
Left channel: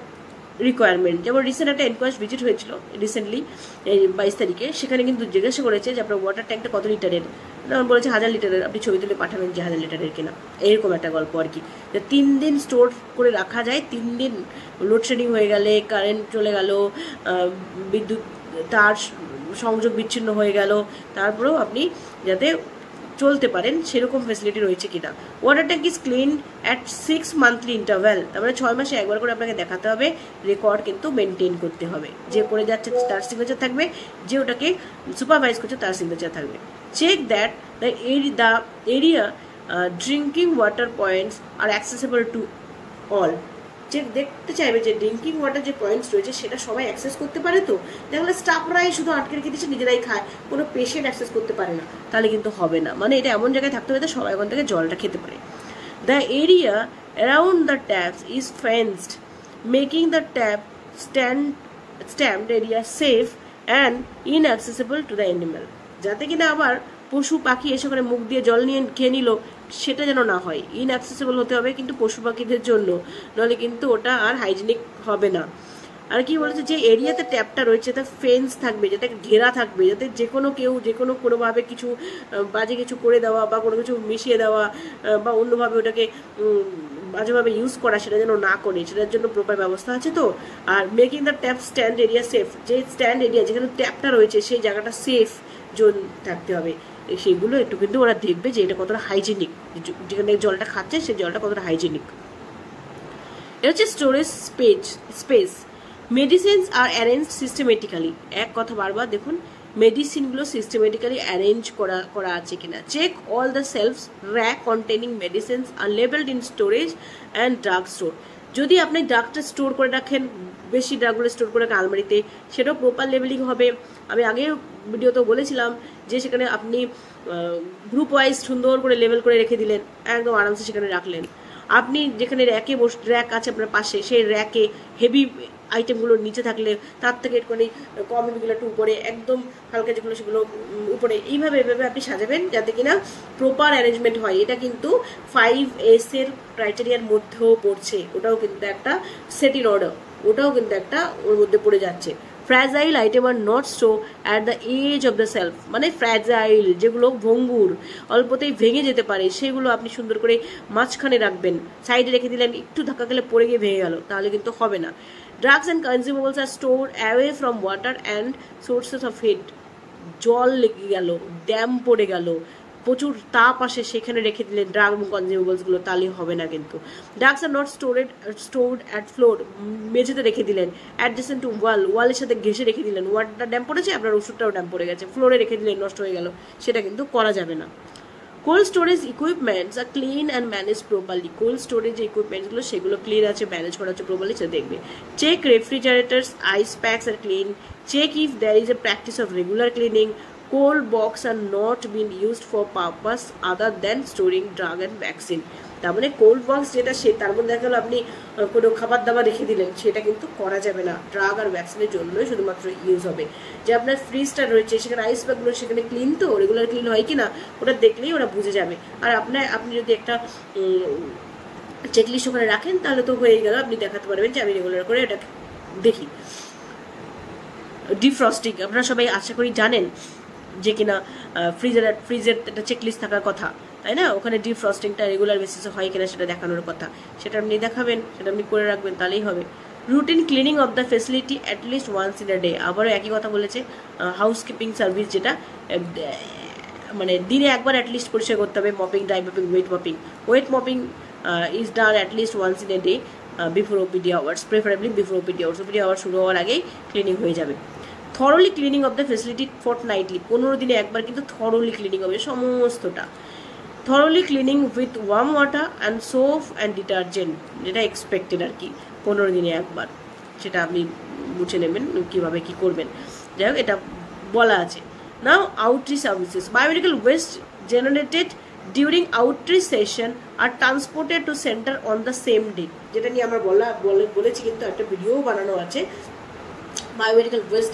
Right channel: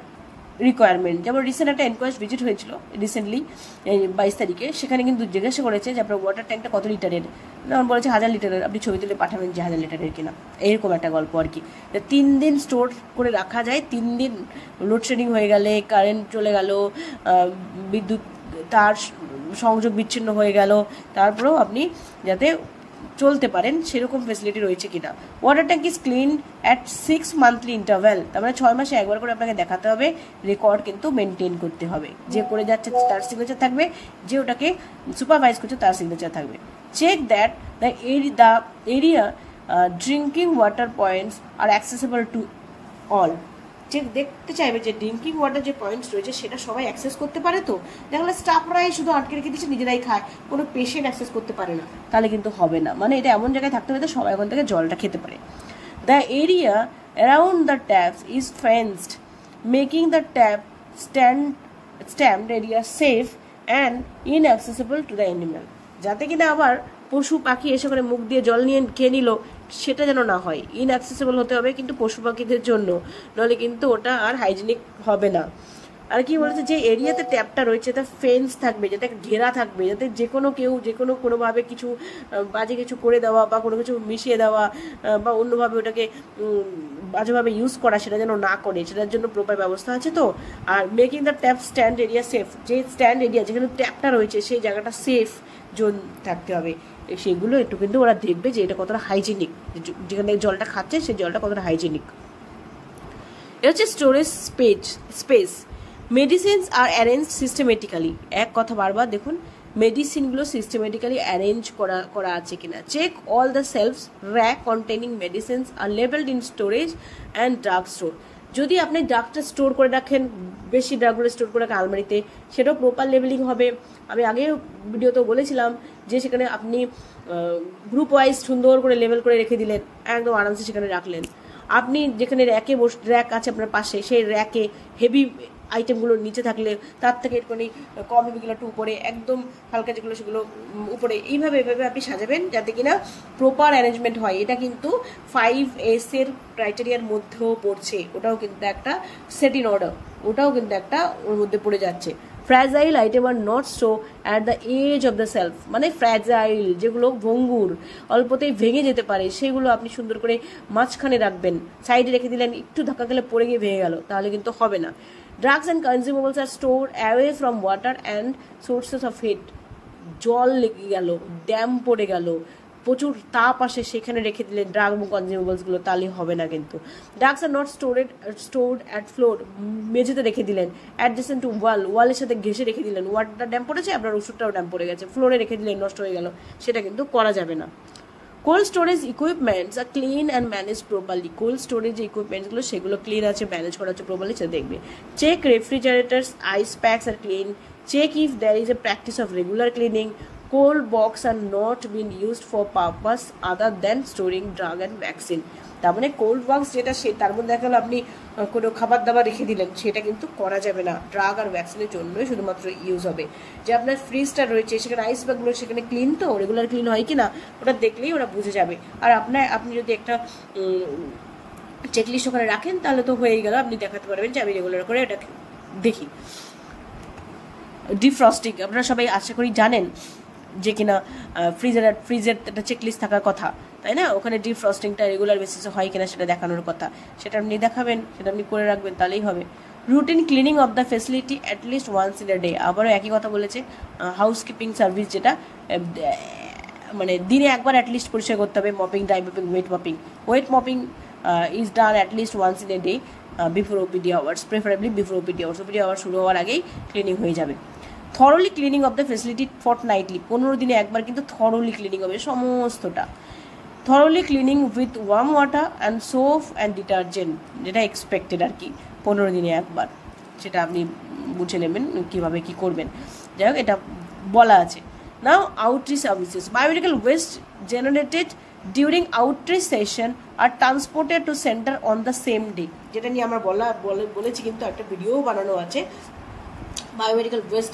requirement. যেমন রিসেন্ট একটা এনকোয়াস্ট ভিজিট হয়েছিল রিসেন্টলি 22 তারিখে, সেখানে কিন্তু জিজ্ঞাসা করেছে যে আপনার ওয়াটার ট্যাঙ্কটা কত লিটারের, বলেছে 1000 লিটারের, আপনি ছবি তুলে পাঠাবেন যে 1000 লিটারের কিনা, এরকম একটা গল্প আর কি। 3 দিন স্টোর করে রাখা যায়, 3 দিন লোডশেডিং হয়ে গেলে, কারেন্ট চলে গেল, বিদ্যুৎ তার সংযোগ বিচ্ছিন্ন হয়ে গেল, তারপরেও আপনি যাতে চলতে পারেন সেরকম ফেসিলিটি রয়েছে কিনা। Water tank is clean at 6 monthly interval, তার মানে 6 মাসে একবার করে আপনাকে দেখাতে হবে, রেকর্ড কিন্তু মেনটেন করতে হবে। যে করে যাচ্ছে তার সিগনেচার থাকবে, যে ওটাকে সুপারভাইজ করছে তার সিগনেচার থাকবে। Check that the area drinking water points are accessible to all. যে দেখতে চাইবে যে ড্রিঙ্কিং ওয়াটার যে পয়েন্টস রয়েছে সেটা সবাই অ্যাক্সেস করতে পারে তো। দেখলে স্টাফরাই শুধু আটকে রেখে দিচ্ছে, নিজেরাই খায়, কোনো পেশেন্ট অ্যাক্সেস করতে পারে না, তাহলে কিন্তু হবে না। মানে এটা এমন জায়গায় থাকতে হবে সবাই ওখান থেকে জলটা খেতে পারে। The area around the taps is fenced, making the tap stamped area safe and inaccessible to the animal. যাতে কিনা আবার পশু পাখি এসে করে মুখ দিয়ে জল নিয়ে খেয়ে নিল, সেটা যেন না হয়। ইনঅ্যাক্সেসেবল হতে হবে কিন্তু পশু পাখিদের জন্য, নাহলে কিন্তু ওটা আর হাইজিনিক হবে না। আর কি বলেছে, যে এরিয়াতে ট্যাপটা রয়েছে তার ফেন্স থাকবে, যাতে ঘেরা থাকবে, যাতে যে কোনো কেউ যে কোনোভাবে কিছু বাজে কিছু করে দেওয়া বা কোনো কিছু মিশিয়ে দেওয়া বা অন্যভাবে ওটাকে বাজেভাবে ইউজ করা সেটা যেন না করে, সেটার জন্য প্রপার ব্যবস্থা আছে তো। Are making the tap stand area safe, যে স্ট্যান্ড এরিয়া যেখানে ট্যাপটা রয়েছে সেই জায়গাটা সেফ জোন থাকতে হবে। সেগুলো একটু কিন্তু ওরা দেখবে যে এটা কতটা হাইজেনিক, যেখানে জলটা খাচ্ছে সেই জলটা কতটা হাইজেনিক। এটা হচ্ছে স্টোরেজ স্পেস। মেডিসিনস আর অ্যারেঞ্জ সিস্টেমেটিক্যালি, এক কথা বারবার দেখুন, মেডিসিনগুলো সিস্টেমেটিক্যালি অ্যারেঞ্জ করা আছে কিনা। Check all the shelves rack containing medicines are labelled in storage and drug store. যদি আপনি ড্রাগটা স্টোর করে রাখেন, বেশি ড্রাগগুলো স্টোর করে রাখেন আলমারিতে, সেটাও প্রপার লেবেলিং হবে। আমি আগেও ভিডিওতেও বলেছিলাম যে সেখানে আপনি গ্রুপ ওয়াইজ সুন্দর করে লেবেল করে রেখে দিলেন, একদম আরামসে সেখানে রাখলেন। আপনি যেখানে র্যাক আছে আপনার পাশে, সেই র্যাকে হেভি আইটেমগুলো নিচে থাকলে তার থেকে একটুখানি কম হেভিগুলো একটু উপরে, একদম হালকা যেগুলো সেগুলো উপরে, এইভাবে আপনি সাজাবেন যাতে কিনা প্রপার অ্যারেঞ্জমেন্ট হয়। এটা কিন্তু 5S এর ক্রাইটেরিয়ার মধ্যেও পড়ছে, ওটাও কিন্তু একটা সেট ইন অর্ডার, ওটাও কিন্তু একটা ওর মধ্যে পড়ে যাচ্ছে। Fragile item are not show at the edge of the shelf, মানে ফ্র্যাজাইল যেগুলো ভঙ্গুর, অল্পতেই ভেঙে যেতে পারে, সেগুলো আপনি সুন্দর করে মাঝখানে রাখবেন, সাইডে রেখে দিলেন, একটু ধাক্কা খেলে পড়ে গিয়ে ভেঙে গেল, তাহলে কিন্তু হবে না। Drugs and consumables are stored away from water and sources of heat. জল লেগে গেল, ড্যাম পড়ে গেল, প্রচুর তাপ আসে, সেখানে রেখে দিলেন ড্রাগ এবং কনজিউমেবলসগুলো, তাহলে হবে না কিন্তু। Drugs are not stored at floor, মেঝেতে রেখে দিলেন, অ্যাডজেসেন্ট টু ওয়ালের সাথে ঘেসে রেখে দিলেন, ওয়াটারটা ড্যাম পড়েছে, আপনার ওষুধটাও ড্যাম পড়ে গেছে, ফ্লোরে রেখে দিলেন, নষ্ট হয়ে গেল, সেটা কিন্তু করা যাবে না। Cold storage equipments are clean and manage properly. Cold storage যে ইকুইপমেন্টসগুলো সেগুলো ক্লিন আছে, ম্যানেজ করা হচ্ছে প্রপারলি, সেটা দেখবে। Check refrigerators, ice packs are clean. Check if there is a practice of regular cleaning. Cold box are not been used for purpose other than storing drug and vaccine. তার মানে cold box যেটা, সে তার মধ্যে দেখা গেলো আপনি কোনো খাবার দাবার রেখে দিলেন, সেটা কিন্তু করা যাবে না, ড্রাগ আর ভ্যাকসিনের জন্যই শুধুমাত্র ইউজ হবে। যে আপনার ফ্রিজটা রয়েছে সেখানে আইস ব্যাগগুলো সেখানে ক্লিন তো, রেগুলার ক্লিন হয় কি না ওটা দেখলেই ওরা বুঝে যাবে। আর আপনি যদি একটা চেকলিস্ট ওখানে রাখেন তাহলে তো হয়েই গেল, আপনি দেখাতে পারবেন যে আমি রেগুলার করে এটা দেখি। ডিফ্রস্টিং, আপনারা সবাই আশা করি জানেন যে কিনা ফ্রিজের একটা চেকলিস্ট থাকার কথা, তাই না? ওখানে ডিফ্রস্টিংটা রেগুলার বেসিসে হয় কিনা সেটা দেখানোর কথা, সেটা আপনি দেখাবেন, সেটা আপনি করে রাখবেন, তাহলেই হবে। Routine cleaning of the facility at least once in a day. আবারও একই কথা বলেছে, হাউসকিপিং সার্ভিস যেটা, মানে দিনে একবার অ্যাটলিস্ট পরিষ্কার করতে হবে। Mopping, dry mopping, wet mopping is done at least once in a day before OPD hours, preferably before OPD hours. OPD hours শুরু হওয়ার আগেই ক্লিনিং হয়ে যাবে। Thoroughly cleaning of the facility fortnightly, 15 দিনে একবার কিন্তু থরলি ক্লিনিং হবে সমস্তটা। Thoroughly cleaning with warm water and soap and detergent, যেটা এক্সপেক্টেড আর কি, 15 দিনে একবার, সেটা আপনি বুঝে নেবেন কীভাবে কী করবেন। যাই হোক, এটা বলা আছে। Now outreach services, biomedical waste generated during outreach session are transported to centre on the same day, যেটা নিয়ে আমরা বলেছি, কিন্তু একটা ভিডিও বানানো আছে বায়োমেডিক্যাল ওয়েস্ট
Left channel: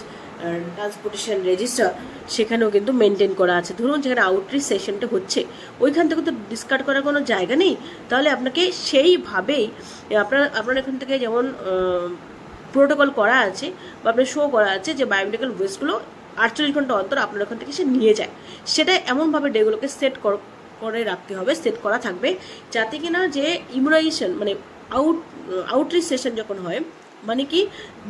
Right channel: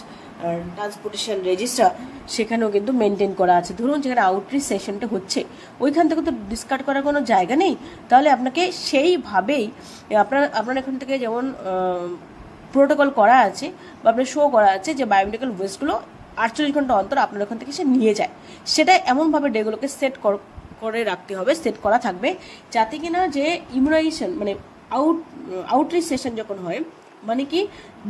ট্রান্সপোর্টেশন রেজিস্টার, সেখানেও কিন্তু মেনটেন করা আছে। ধরুন যেখানে আউটরিচ সেশনটা হচ্ছে ওইখান থেকে তো ডিসকার্ড করার কোনো জায়গা নেই, তাহলে আপনাকে সেইভাবেই আপনার এখান থেকে যেমন প্রোটোকল করা আছে বা আপনার শো করা আছে যে বায়োমেডিক্যাল ওয়েস্টগুলো 48 ঘন্টা অন্তর আপনার ওখান থেকে সে নিয়ে যায়, সেটা এমনভাবে ডেগুলোকে সেট করে রাখতে হবে, সেট করা থাকবে, যাতে কিনা যে ইমিউনাইজেশন মানে আউটরিচ সেশন যখন হয়, মানে কি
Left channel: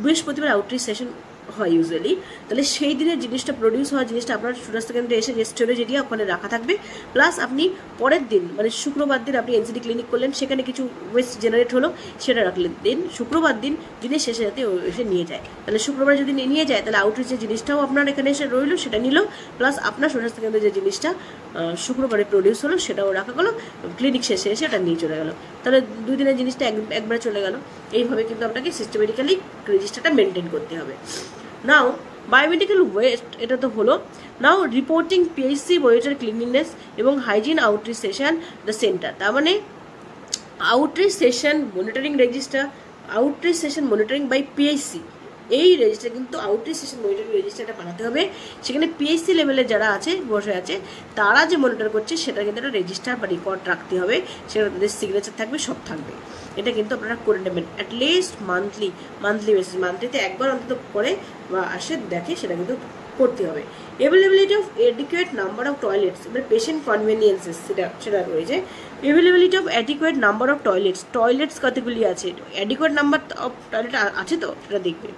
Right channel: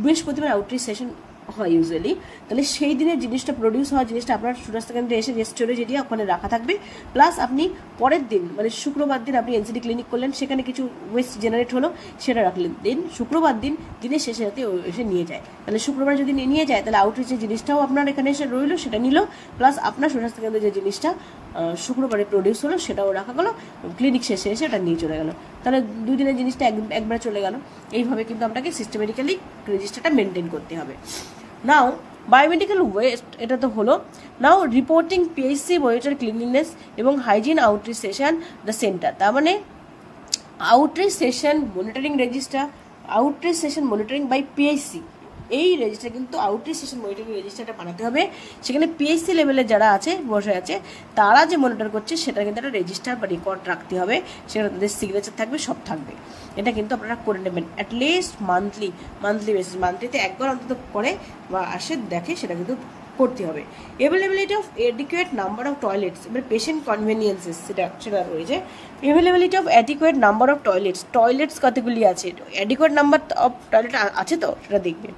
বৃহস্পতিবার আউটরিচ সেশন হয় ইউজুয়ালি, তাহলে সেই দিনের জিনিসটা প্রডিউস হওয়া জিনিসটা আপনার স্বাস্থ্য কেন্দ্রে এসে স্টোরেজ এরিয়া ওখানে রাখা থাকবে। প্লাস আপনি পরের দিন মানে শুক্রবার দিন আপনি এনসিডি ক্লিনিক করলেন, সেখানে কিছু ওয়েস্ট জেনারেট হলো, সেটা রাখলেন, দিন শুক্রবার দিনের শেষে যাতে এসে নিয়ে যায়, তাহলে শুক্রবার যদি নিয়ে যায় তাহলে আউটরিচের জিনিসটাও আপনার এখানে এসে রইল, সেটা নিল, প্লাস আপনার স্বাস্থ্য কেন্দ্রে যে জিনিসটা শুক্রবারে প্রডিউস হলো সেটাও রাখা গেলো, ক্লিনিক শেষে এসে এটা নিয়ে চলে গেল, তাহলে 2 দিনের জিনিসটা একবারে চলে গেল। এইভাবে কিন্তু আপনাকে সিস্টেমেটিক্যালি রেজিস্টারটা মেনটেন করতে হবে। নাও বায়োমেডিক্যাল ওয়েস্ট, এটা তো হলো। Now reporting PHC monitor cleanliness এবং hygiene outreach session the centre, তার মানে outreach session monitoring register, outreach session monitoring by PHC, এই রেজিস্টার কিন্তু আউটরিচ সেশন মনিটরিং রেজিস্টারটা বানাতে হবে। সেখানে পিএইচসি লেভেলের যারা আছে বসে আছে তারা যে মনিটর করছে সেটা কিন্তু একটা রেজিস্টার বা রেকর্ড রাখতে হবে, সেটা তাদের সিগনেচার থাকবে, সব থাকবে। এটা কিন্তু আপনারা করে নেবেন অ্যাটলিস্ট মান্থলি বেসিস, মান্থলিতে একবার অন্তত করে বা আসে দেখে, সেটা কিন্তু করতে হবে। Availability of adequate number of toilets, এবার পেশেন্ট কনভেনিয়েন্সেস সেটা রয়েছে। Availability of adequate number of toilets কতগুলি আছে, অ্যাডিকুয়েট নাম্বার অফ টয়লেট আছে তো সেটা দেখবেন।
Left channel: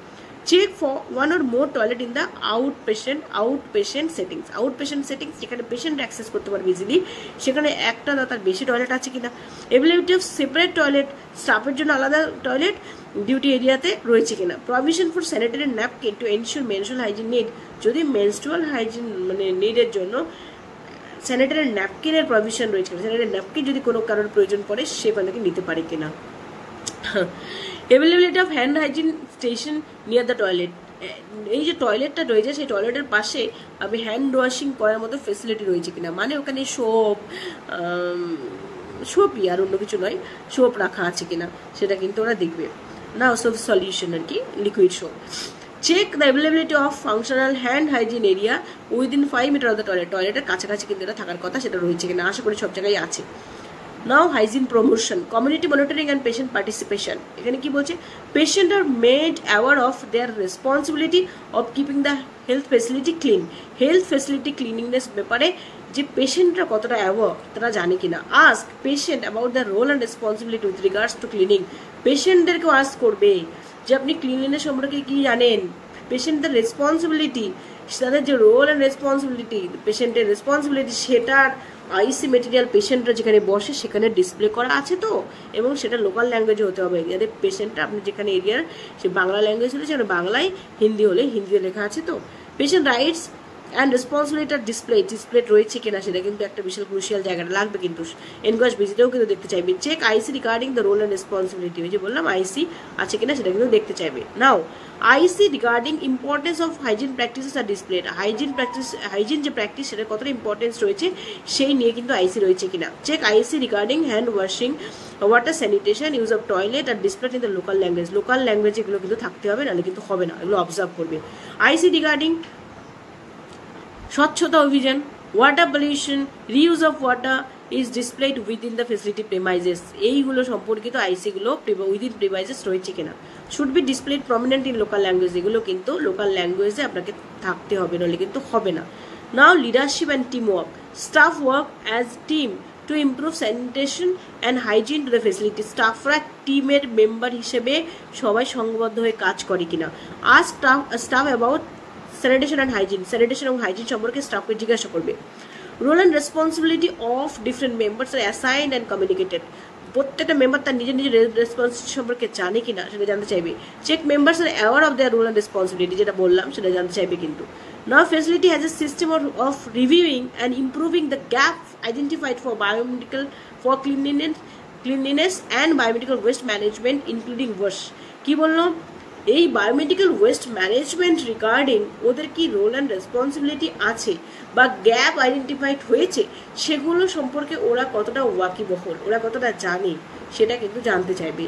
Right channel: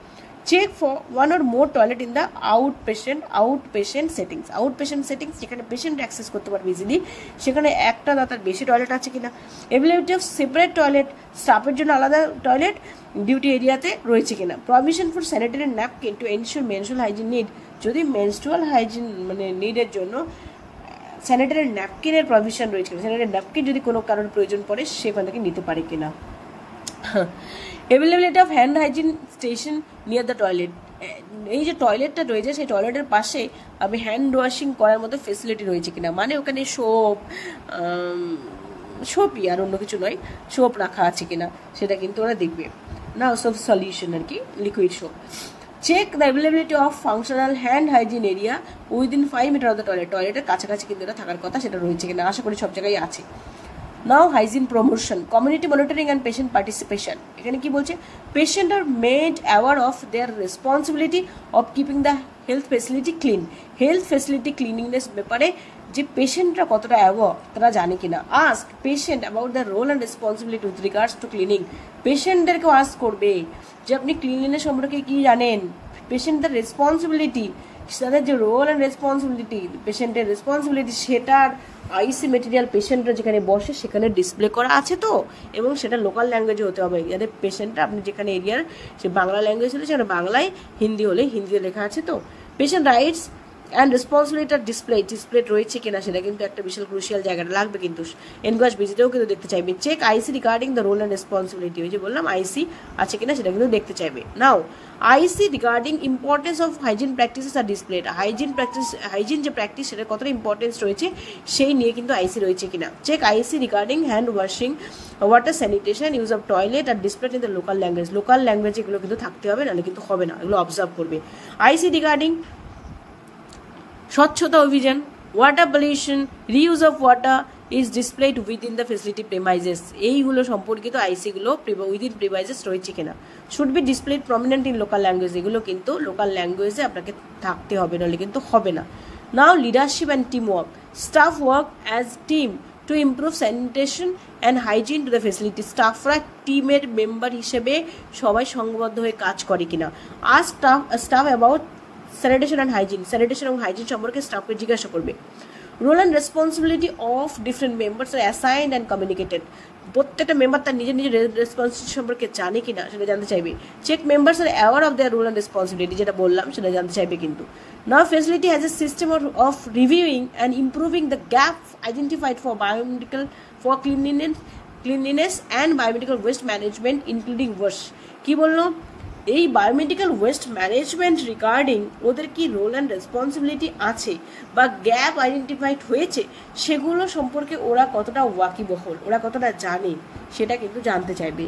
Check for 1 or more toilet in the outpatient settings, যেখানে পেশেন্ট অ্যাক্সেস করতে পারবে ইজিলি, সেখানে একটা না তার বেশি টয়লেট আছে কিনা। অ্যাভেলেবিলিটি অফ সেপারেট টয়লেট, স্টাফের জন্য আলাদা টয়লেট ডিউটি এরিয়াতে রয়েছে কিনা। Provision for sanitary napkin to ensure menstrual hygiene need, যদি মেনস্ট্রুয়াল হাইজিন মানে নিডের জন্য স্যানিটারি ন্যাপকিনের প্রভিশন রয়েছে কিনা, স্যানিটারি ন্যাপকিন যদি কোনো কারোর প্রয়োজন পড়ে সেখান থেকে নিতে পারে কিনা। Availability of hand hygiene station near the toilet, এই যে টয়লেটটা রয়েছে সেই টয়লেটের পাশে আপনি হ্যান্ড ওয়াশিং করার মতো ফেসিলিটি রয়েছে কিনা, মানে ওখানে সোপই আর অন্য কিছু নয়, সোপ রাখা আছে কিনা সেটা কিন্তু ওরা দেখবে না, সোপ সলিউশন আর কি, liquid soap. Check the availability of functional hand hygiene area within 5 metre of the toilet, টয়লেটের কাছাকাছি কিন্তু এটা থাকার কথা, সেটা রয়েছে কিনা, আশা করি সব জায়গায় আছে। Now hygiene promotion, community monitoring and patient participation, এখানে কি বলছে, patient are made aware of their responsibility of keeping the health facility clean, health facility cleanliness ব্যাপারে যে পেশেন্টরা কতটা অ্যাওয়ার তারা জানে কিনা। Ask patient about the role and responsibility with regards to cleaning, পেশেন্টদেরকেও আস্ক করবে যে আপনি ক্লিনলিনেস সম্পর্কে কি জানেন, পেশেন্টদের রেসপন্সিবিলিটি, তাদের যে রোল অ্যান্ড রেসপন্সিবিলিটি, পেশেন্টের রেসপন্সিবিলিটি, সেটার আইসি মেটেরিয়াল পেশেন্টরা যেখানে বসে সেখানে ডিসপ্লে করা আছে তো, এবং সেটা লোকাল ল্যাঙ্গুয়েজে হতে হবে, যাতে পেশেন্টরা আপনি যেখানে এরিয়ার সে বাংলা ল্যাঙ্গুয়েজ হলে সেখানে বাংলায়, হিন্দি হলে হিন্দিতে লেখা আছে তো। পেশেন্ট রাইটস অ্যান্ড রেসপন্সিবিলিটির ডিসপ্লে রয়েছে কিনা, সেটা কিন্তু একটা বিশাল ক্রুশিয়াল জায়গাটা লাগবে, কিন্তু এনকোয়াজ ভিজিটেও কিন্তু দেখতে চাইবে। Check IC regarding the role and responsibility, ওই যে বললাম আইসি আছে কিনা সেটা কিন্তু দেখতে চাইবে। Now IEC regarding importance of hygiene practices are displayed, hygiene যে প্র্যাকটিস সেটা কতটা ইম্পর্টেন্স রয়েছে সেই নিয়ে কিন্তু আইসি রয়েছে কিনা। Check IC regarding hand washing, water sanitation, use of toilet are displayed in the local language এগুলো কিন্তু থাকতে হবে, নাহলে কিন্তু হবে না, এগুলো অবজার্ভ করবে। আইসি রিগার্ডিং স্বচ্ছতা অভিযান, water pollution, reuse of water is displayed within the facility premises, এইগুলো সম্পর্কিত আইসিগুলো উইদিন প্রেমাইজেস রয়েছে কিনা। Should be displayed prominent in local language, এগুলো কিন্তু লোকাল ল্যাঙ্গুয়েজে আপনাকে থাকতে হবে, নাহলে কিন্তু হবে না। Now leadership and team work, staff work as team to improve sanitation and hygiene to the facility, স্টাফরা টিমের মেম্বার হিসেবে সবাই সংবদ্ধ হয়ে কাজ করে কিনা। Are staff about sanitation and hygiene সম্পর্কে স্টাফকে জিজ্ঞাসা করবে। Role and responsibility of different members are assigned and communicated, প্রত্যেকটা মেম্বার তার নিজের রেসপন্সিবিলিটি সম্পর্কে জানে কিনা সেটা জানতে চাইবে। Check members are aware of their role and responsibility, যেটা বললাম সেটা জানতে চাইবে কিন্তু। Now facility has a system of reviewing and improving the gap identified for cleanliness and biomedical waste management including wash. কি বললো এই বায়োমেডিক্যাল ওয়েস্ট ম্যানেজমেন্ট রিগার্ডিং ওদের কি রোল অ্যান্ড রেসপন্সিবিলিটি আছে বা গ্যাপ আইডেন্টিফাইড হয়েছে সেগুলো সম্পর্কে ওরা কতটা ওয়াকিবহল, ওরা কতটা জানে সেটা কিন্তু জানতে চাইবে।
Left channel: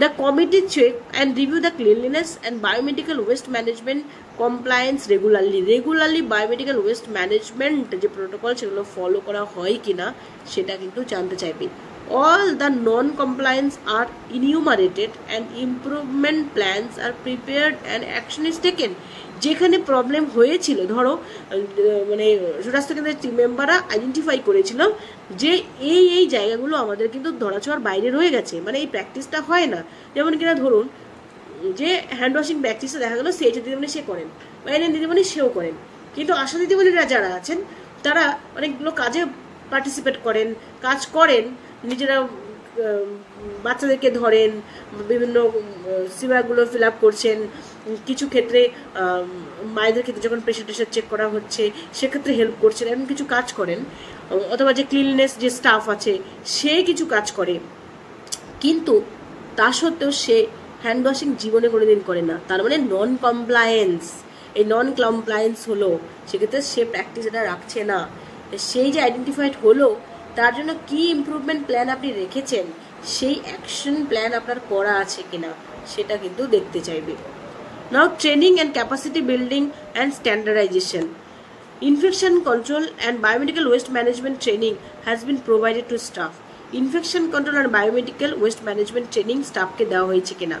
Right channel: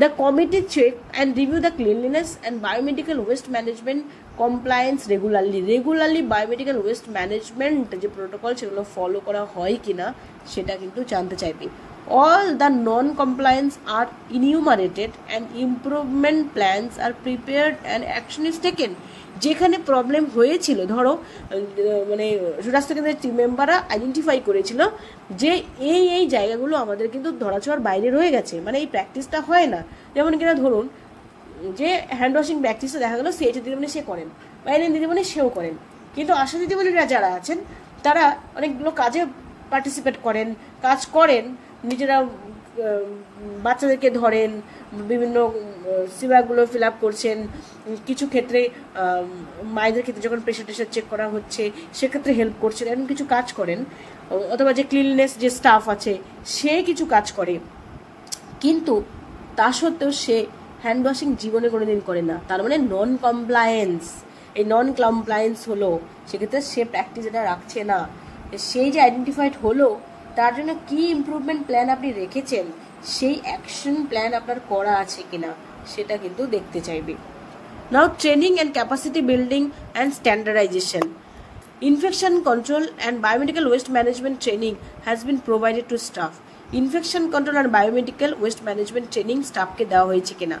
The committee check and review the cleanliness and biomedical waste management compliance regularly biomedical waste management যে প্রোটোকল সেগুলো ফলো করা হয় কিনা সেটা কিন্তু জানতে চাইবে। All the non-compliance are enumerated and improvement plans are prepared and action is taken. যেখানে প্রবলেম হয়েছিল, ধরো মানে স্বাস্থ্য কেন্দ্রের টিম মেম্বাররা আইডেন্টিফাই করেছিল যে এই জায়গাগুলো আমাদের কিন্তু ধরাছোঁয়ার বাইরে রয়ে গেছে, মানে এই প্র্যাকটিসটা হয় না। যেমন কিনা ধরুন যে হ্যান্ড ওয়াশিং প্র্যাকটিসে দেখা গেলো CHO দিদিমণি সে করেন বা এনএম দিদিমণি সেও করেন, কিন্তু আশা দিদিমণিরা যারা আছেন তারা অনেকগুলো কাজে পার্টিসিপেট করেন, কাজ করেন, নিজেরা বাচ্চাদেরকে ধরেন, বিভিন্ন সিভাগুলো ফিল আপ করছেন, কিছু ক্ষেত্রে মায়েদের ক্ষেত্রে যখন প্রেশার টেশার চেক করা হচ্ছে সেক্ষেত্রে হেল্প করছেন, এমন কিছু কাজ করেন। অথবা যে ক্লিননেস যে স্টাফ আছে সে কিছু কাজ করে, কিন্তু তা সত্ত্বেও সে হ্যান্ড ওয়াশিং জীবনে কোনোদিন করে না, তার মানে নন কমপ্লায়েন্স। এই নন কমপ্লায়েন্স হলো সেক্ষেত্রে সে প্র্যাকটিস এটা রাখছে না। সেই যে আইডেন্টিফাইড হলো তার জন্য কি ইমপ্রুভমেন্ট প্ল্যান আপনি রেখেছেন, সেই অ্যাকশন প্ল্যান আপনার করা আছে কিনা সেটা কিন্তু দেখতে চাইবে। Now training and capacity building and standardization. Infection control and biomedical waste management training has been provided to staff. Infection control and biomedical waste management training স্টাফকে দেওয়া হয়েছে কিনা।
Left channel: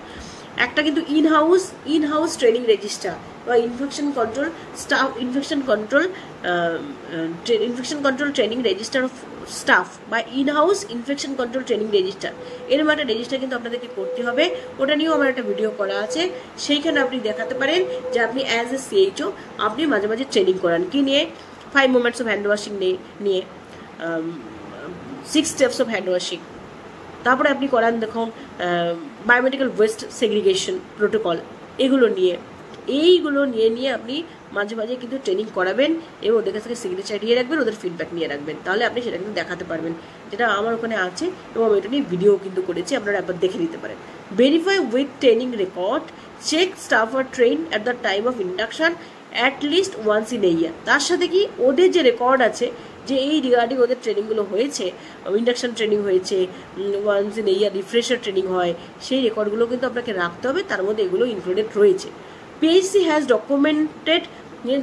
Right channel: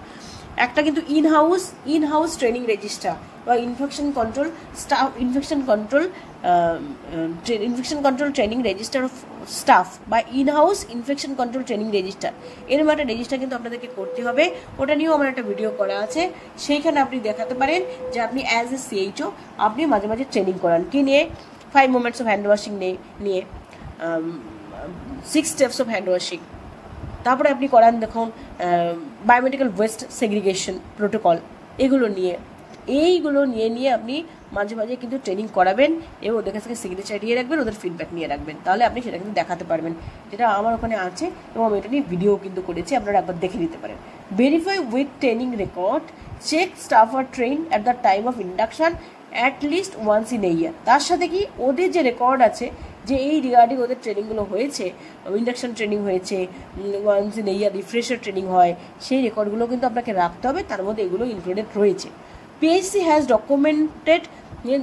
একটা কিন্তু ইনহাউস ট্রেনিং রেজিস্টার বা infection control training register of staff বা inhouse infection control training register, এরকম একটা রেজিস্টার কিন্তু আপনাদেরকে করতে হবে। ওটা নিয়েও আমার একটা ভিডিও করা আছে, সেইখানে আপনি দেখাতে পারেন যে আপনি অ্যাজ এ CHO আপনি মাঝে মাঝে ট্রেনিং করান কি নিয়ে, 5 মোমেন্টস অফ হ্যান্ড ওয়াশিং নিয়ে 6 স্টেপস অফ হ্যান্ড ওয়াশিং, তারপরে আপনি করান দেখুন বায়োমেডিক্যাল ওয়েস্ট সেগ্রিগেশন প্রোটোকল, এইগুলো নিয়ে আপনি মাঝে মাঝে কিন্তু ট্রেনিং করাবেন এবং ওদের কাছ থেকে সিগনেচার নিয়ে রাখবেন, ওদের ফিডব্যাক নিয়ে রাখবেন, তাহলে আপনি সেটা কিন্তু দেখাতে পারবেন, যেটা আমার ওখানে আছে এবং আমি এটা নিয়ে ভিডিও কিন্তু করেছি, আপনারা একবার দেখে নিতে পারেন। Verify with training record, check staff are train at the time of induction at least once in a year. তার সাথে কি ওদের যে রেকর্ড আছে যে এই রিগার্ডিং ওদের ট্রেনিংগুলো হয়েছে, ইন্ডাকশন ট্রেনিং হয়েছে, once in a year refresher training হয়, সেই রেকর্ডগুলো কিন্তু আপনাকে রাখতে হবে, তার মধ্যে এগুলো ইনক্লুডেড রয়েছে। PHC has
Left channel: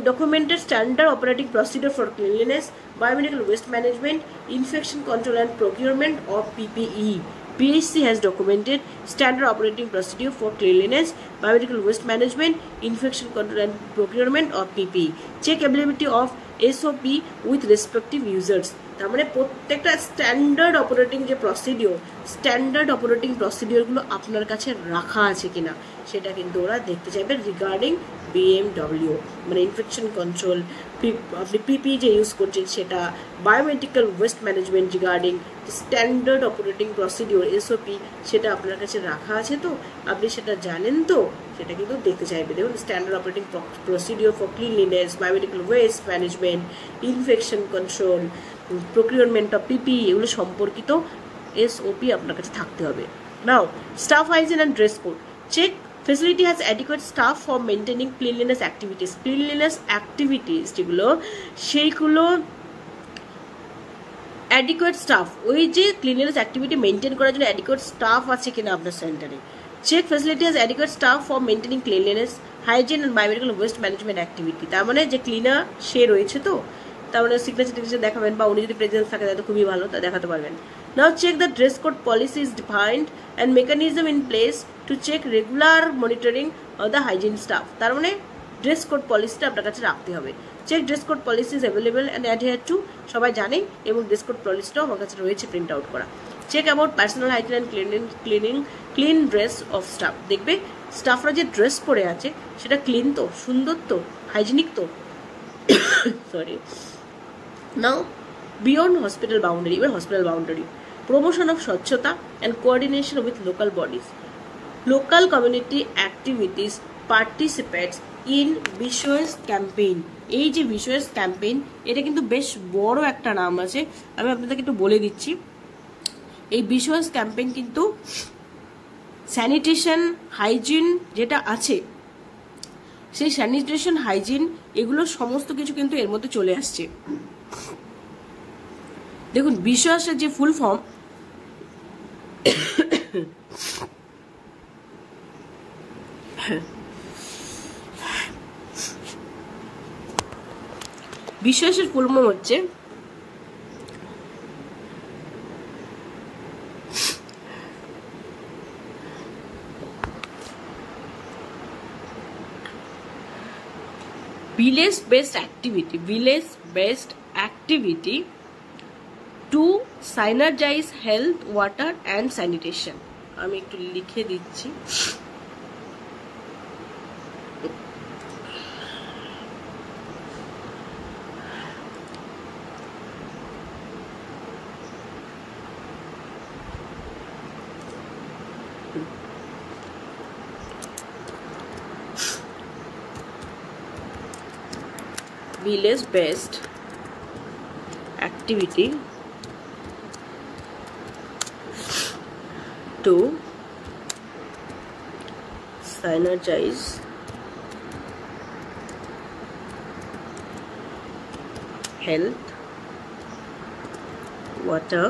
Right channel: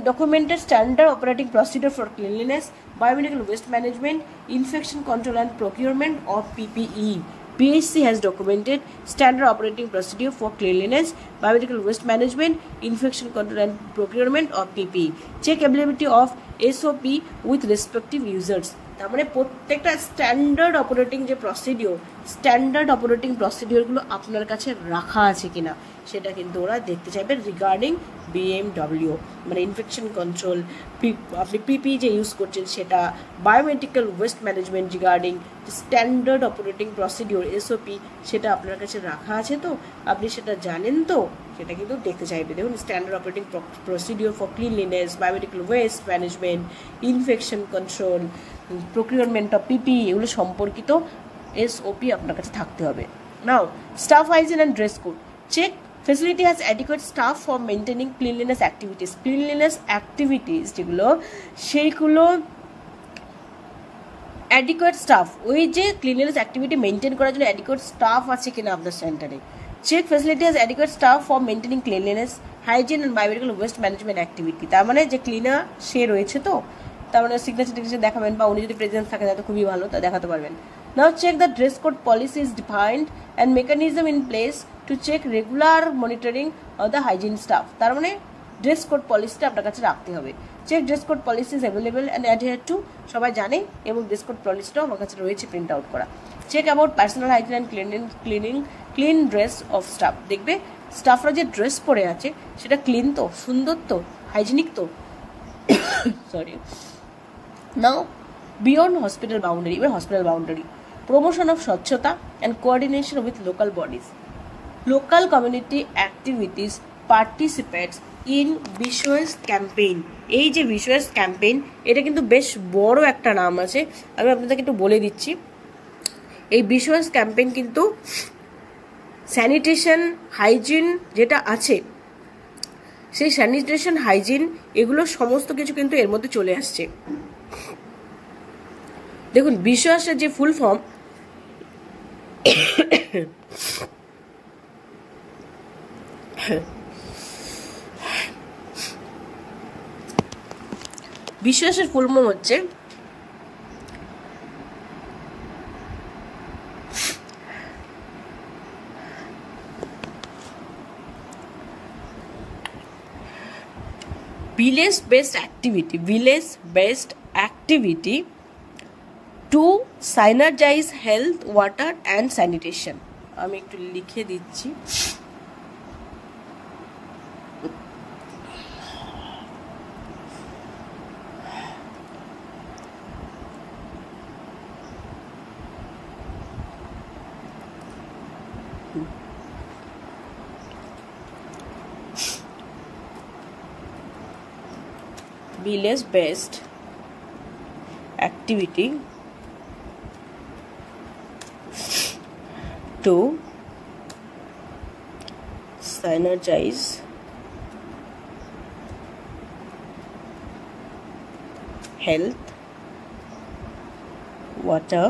documented standard operating procedure for cleanliness, biomedical waste management, infection control and procurement of PPE. PHC has documented standard operating procedure for cleanliness, biomedical waste management, infection control and procurement of PPE. Check availability of SOP with respective users. তার মানে প্রত্যেকটা standard operating প্রসিডিওরগুলো আপনার কাছে রাখা আছে কিনা সেটা কিন্তু ওরা দেখতে চাইবে রিগার্ডিং BMW, মানে ইনফেকশন কন্ট্রোল, আপনি PPE যে ইউজ করছেন সেটা, biomedical waste management regarding standard operating procedure SOP সেটা আপনার কাছে রাখা আছে তো, আপনি সেটা জানেন তো, সেটা কিন্তু দেখতে চাইবে। দেখুন standard operating procedure for cleanliness, biomedical waste management, infection control, procurement of PPE, এগুলো সম্পর্কিত SOP আপনার কাছে থাকতে হবে। Now staff hygiene and dress code. Check facility has adequate staff for maintaining cleanliness activities যেগুলো সেইগুলো adequate staff, ওই যে ক্লিনলিনেস অ্যাক্টিভিটি মেনটেন করার জন্য adequate staff আছে কিনা আপনার সেন্টারে। Check facility has adequate staff for maintaining cleanliness, hygiene and biomedical waste management activity। তার মানে যে ক্লিনার সে রয়েছে তো, তার মানে সিগনেচার দেখাবেন, বা উনি যদি প্রেজেন্স থাকে তাহলে খুবই ভালো, তা দেখাতে পারবেন। Now check the dress code policy is defined and mechanism in place to check regular monitoring of the hygiene staff। তার মানে ড্রেস কোড পলিসিটা আপনার কাছে রাখতে হবে। Check dress code policy is available and adhere to, সবাই জানে, এবং dress code পলিসিটাও আমার কাছে রয়েছে প্রিন্ট আউট করা। Check about personal hygiene and clean dress of staff. দেখবে স্টাফরা যে ড্রেস পরে আছে সেটা ক্লিন তো, সুন্দর তো, হাইজিনিক তো, সরি। নাও বিয়ন্ড হসপিটাল বাউন্ডারি, এবার হসপিটাল বাউন্ডারি, promotion of স্বচ্ছতা and coordination with local bodies, local community activities, participants in ভিসুয়াস ক্যাম্পেইন। এই যে ভিসুয়াস ক্যাম্পেইন, এটা কিন্তু বেশ বড় একটা নাম আছে, আমি আপনাদেরকে একটু বলে দিচ্ছি। এই ভিসুয়াস ক্যাম্পেইন কিন্তু স্যানিটেশন হাইজিন যেটা আছে, সেই স্যানিটেশন হাইজিন এগুলো সমস্ত কিছু কিন্তু এর মধ্যে চলে আসছে। দেখুন, ভিসুয়াসের যে ফুল ফর্ম, ভিসুয়াসের ফুল ফর্ম হচ্ছে village based activity to synergize health, water and sanitation। আমি একটু লিখে দিচ্ছি। village based activity to synergize health, water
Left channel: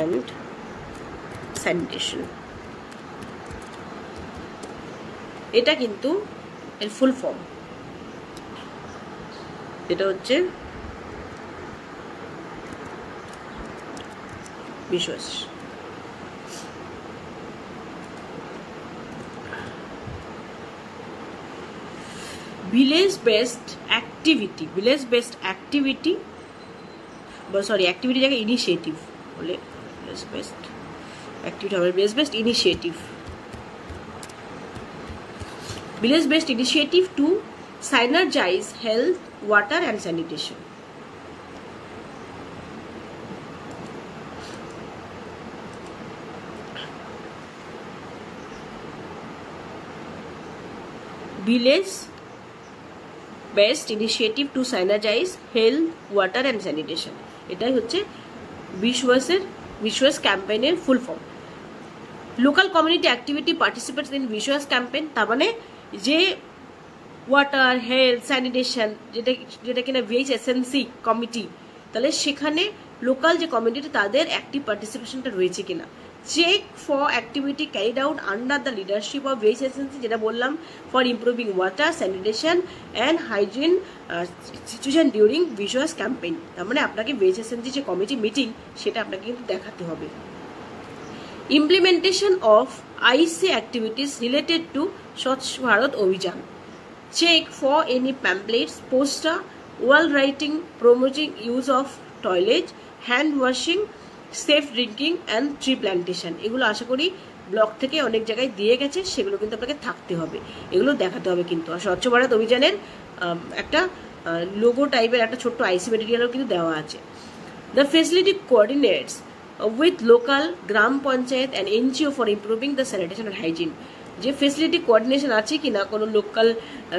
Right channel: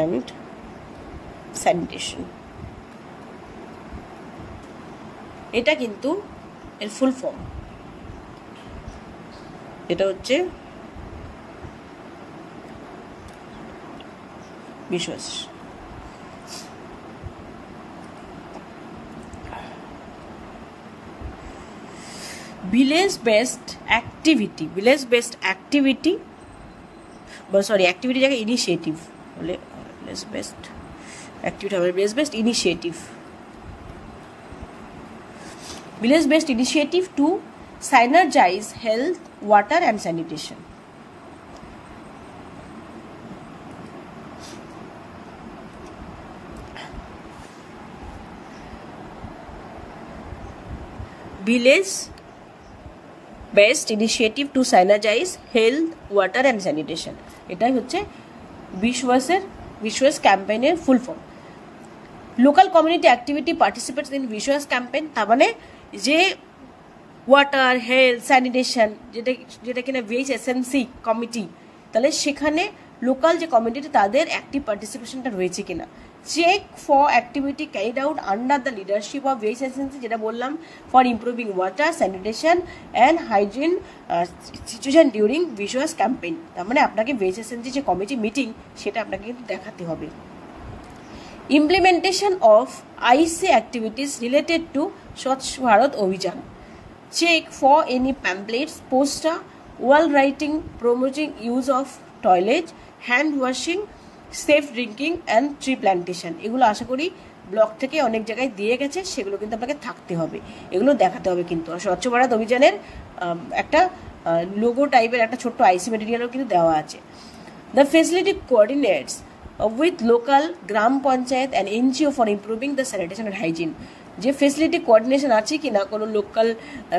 and sanitation। এটা কিন্তু এর ফুল ফর্ম, এটা হচ্ছে ভিসুয়াস। ভিলেজ বেসড অ্যাক্টিভিটি অ্যাক্টিভিটি জায়গায় ইনিশিয়েটিভ বলে, ভিলেজ বেসড অ্যাক্টিভিটি হবে village based initiative. Village based initiative to synergize health, water and sanitation। Village based initiative to synergize health, water and sanitation, এটাই হচ্ছে ভিসুয়াস ক্যাম্পেইনের full form. Local community activity participates in ভিসুয়াস campaign, তার মানে যে water, health, sanitation, যেটা কিনা VHSNC কমিটি, তাহলে সেখানে লোকাল যে কমিউনিটি তাদের অ্যাক্টিভ পার্টিসিপেশনটা রয়েছে কিনা। Check for activity carried out under the leadership of VHSNC, যেটা বললাম, for improving water, sanitation and hygiene situation during ভিসুয়াস ক্যাম্পেইন। তার মানে আপনাকে VHSNC যে কমিটি মিটিং, সেটা আপনাকে কিন্তু দেখাতে হবে। Implementation of IC activities related to Swachh Bharat Abhiyan. Check for any pamphlets, poster, wall writing promoting use of toilet, hand washing, safe drinking and tree plantation। এগুলো আশা করি ব্লক থেকে অনেক জায়গায় দিয়ে গেছে, সেগুলো কিন্তু আপনাকে থাকতে হবে, এগুলো দেখাতে হবে কিন্তু। স্বচ্ছ ভারত অভিযানের একটা লোগো টাইপের একটা ছোট্ট IC ম্যাটেরিয়ালও কিন্তু দেওয়া আছে। The facility coordinates with local gram panchayat and NGO for improving the sanitation and hygiene। যে ফেসিলিটি কোঅর্ডিনেশন আছে কিনা কোনো লোকাল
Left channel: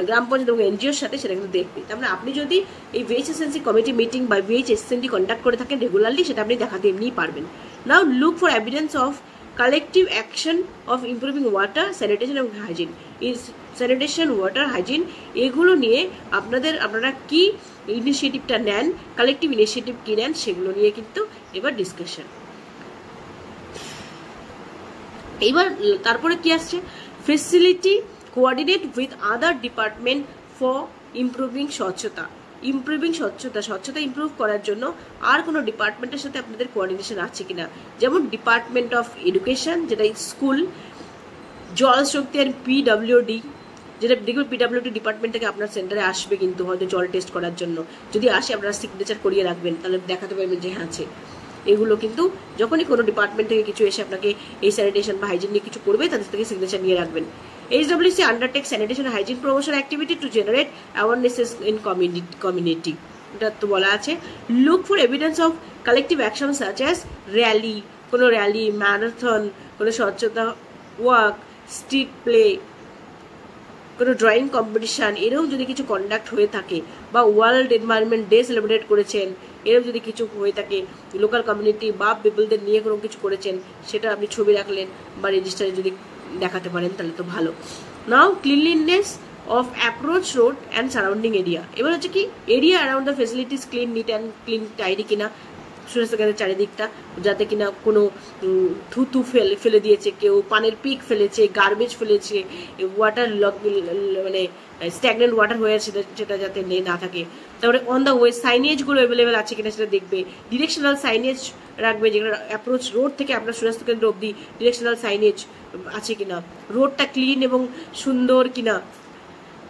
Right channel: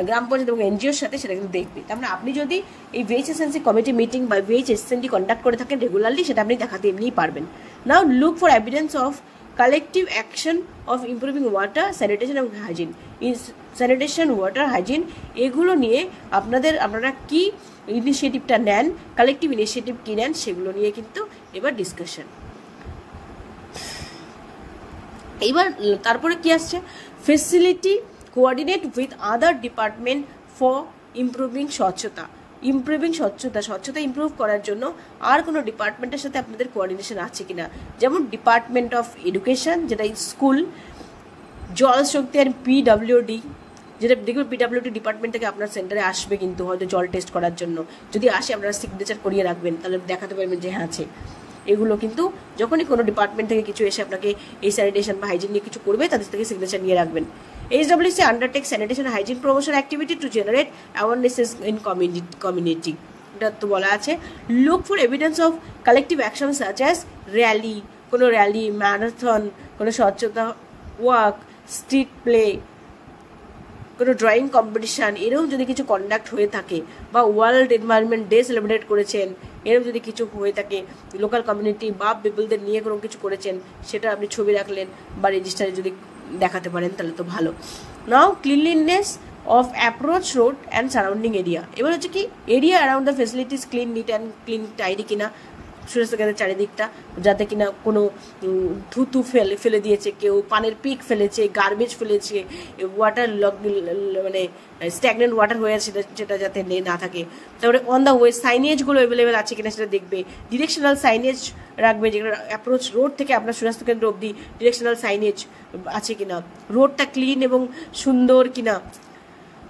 গ্রাম পঞ্চায়েত এবং NGOর সাথে, সেটা কিন্তু দেখবে। তার মানে আপনি যদি এই VHSNC কমিটি মিটিং বা VHSNC কন্ডাক্ট করে থাকেন রেগুলারলি, সেটা আপনি দেখাতে এমনিই পারবেন। Now look for evidence of collective action of improving water, sanitation এবং হাইজিন। স্যানিটেশন, ওয়াটার, হাইজিন এগুলো নিয়ে আপনারা কি ইনিশিয়েটিভটা নেন, কালেকটিভ ইনিশিয়েটিভ কী নেন, সেগুলো নিয়ে কিন্তু এবার ডিসকাশন। এইবার তারপরে কি আসছে, facility coordinate with other department for improving স্বচ্ছতা। স্বচ্ছতা ইমপ্রুভ করার জন্য আর কোনো ডিপার্টমেন্টের সাথে আপনাদের কোঅর্ডিনেশন আছে কিনা, যেমন ডিপার্টমেন্ট অফ এডুকেশন, যেটা স্কুল, জল শক্তি আর PWD, যেটা দেখবে PWD ডিপার্টমেন্ট থেকে আপনার সেন্টারে আসবে কিন্তু হয়তো জল টেস্ট করার জন্য। যদি আসে আপনারা সিগনেচার করিয়ে রাখবেন, তাহলে দেখাতে পারবেন যে হ্যাঁ আছে। এগুলো কিন্তু যখনই কোনো ডিপার্টমেন্ট থেকে কিছু এসে আপনাকে এই স্যানিটেশন বা হাইজিন নিয়ে কিছু করবে, তাদের থেকে সিগনেচার নিয়ে রাখবেন। HWC undertake sanitation hygiene promotion activity to generate awarenesses in community. এটা তো বলা আছে। Look for evidence of collective action such as rally, কোনো র্যালি, ম্যারাথন, কোনো স্বচ্ছতা ওয়াক, স্ট্রিট প্লে, কোনো ড্রয়িং কম্পিটিশান এরকম যদি কিছু কন্ডাক্ট হয়ে থাকে, বা ওয়ার্ল্ড এনভায়রনমেন্ট ডে সেলিব্রেট করেছেন, এরকম যদি কিছু হয়ে থাকে, লোকাল কমিউনিটি বা পিপলদের নিয়ে কোনো কিছু করেছেন, সেটা আপনি ছবি রাখলেন বা রেজিস্টারে যদি দেখাতে পারেন তাহলে তো ভালো। Now cleanliness of approach road and surrounding area. এবার হচ্ছে কি area around the facilities clean, neat and clean, tidy কিনা সুরেশকেন্দ্রের চারিদিকটা, যাতে কিনা কোনো থুতু ফেলে দিয়েছে কেউ, পানের পিক ফেলেছে, গার্বেজ ফেলেছে, ওয়াটার মানে স্ট্যাগনেন্ট ওয়াটার হয়ে আছে সেটা যাতে না থাকে। তারপরে অন দ্য ওয়ে সাইনেজগুলো অ্যাভেলেবেল আছে কিনা সেটা দেখবে। ডিরেকশনাল সাইনেজ রাখবে, যেগুলো অ্যাপ্রোচ রোড থেকে আপনার সুস্বাস্থ্য কেন্দ্র অবধি ডিরেকশনাল সাইনেজ আছে কিনা, রোডটা ক্লিন এবং সুন্দর কিনা।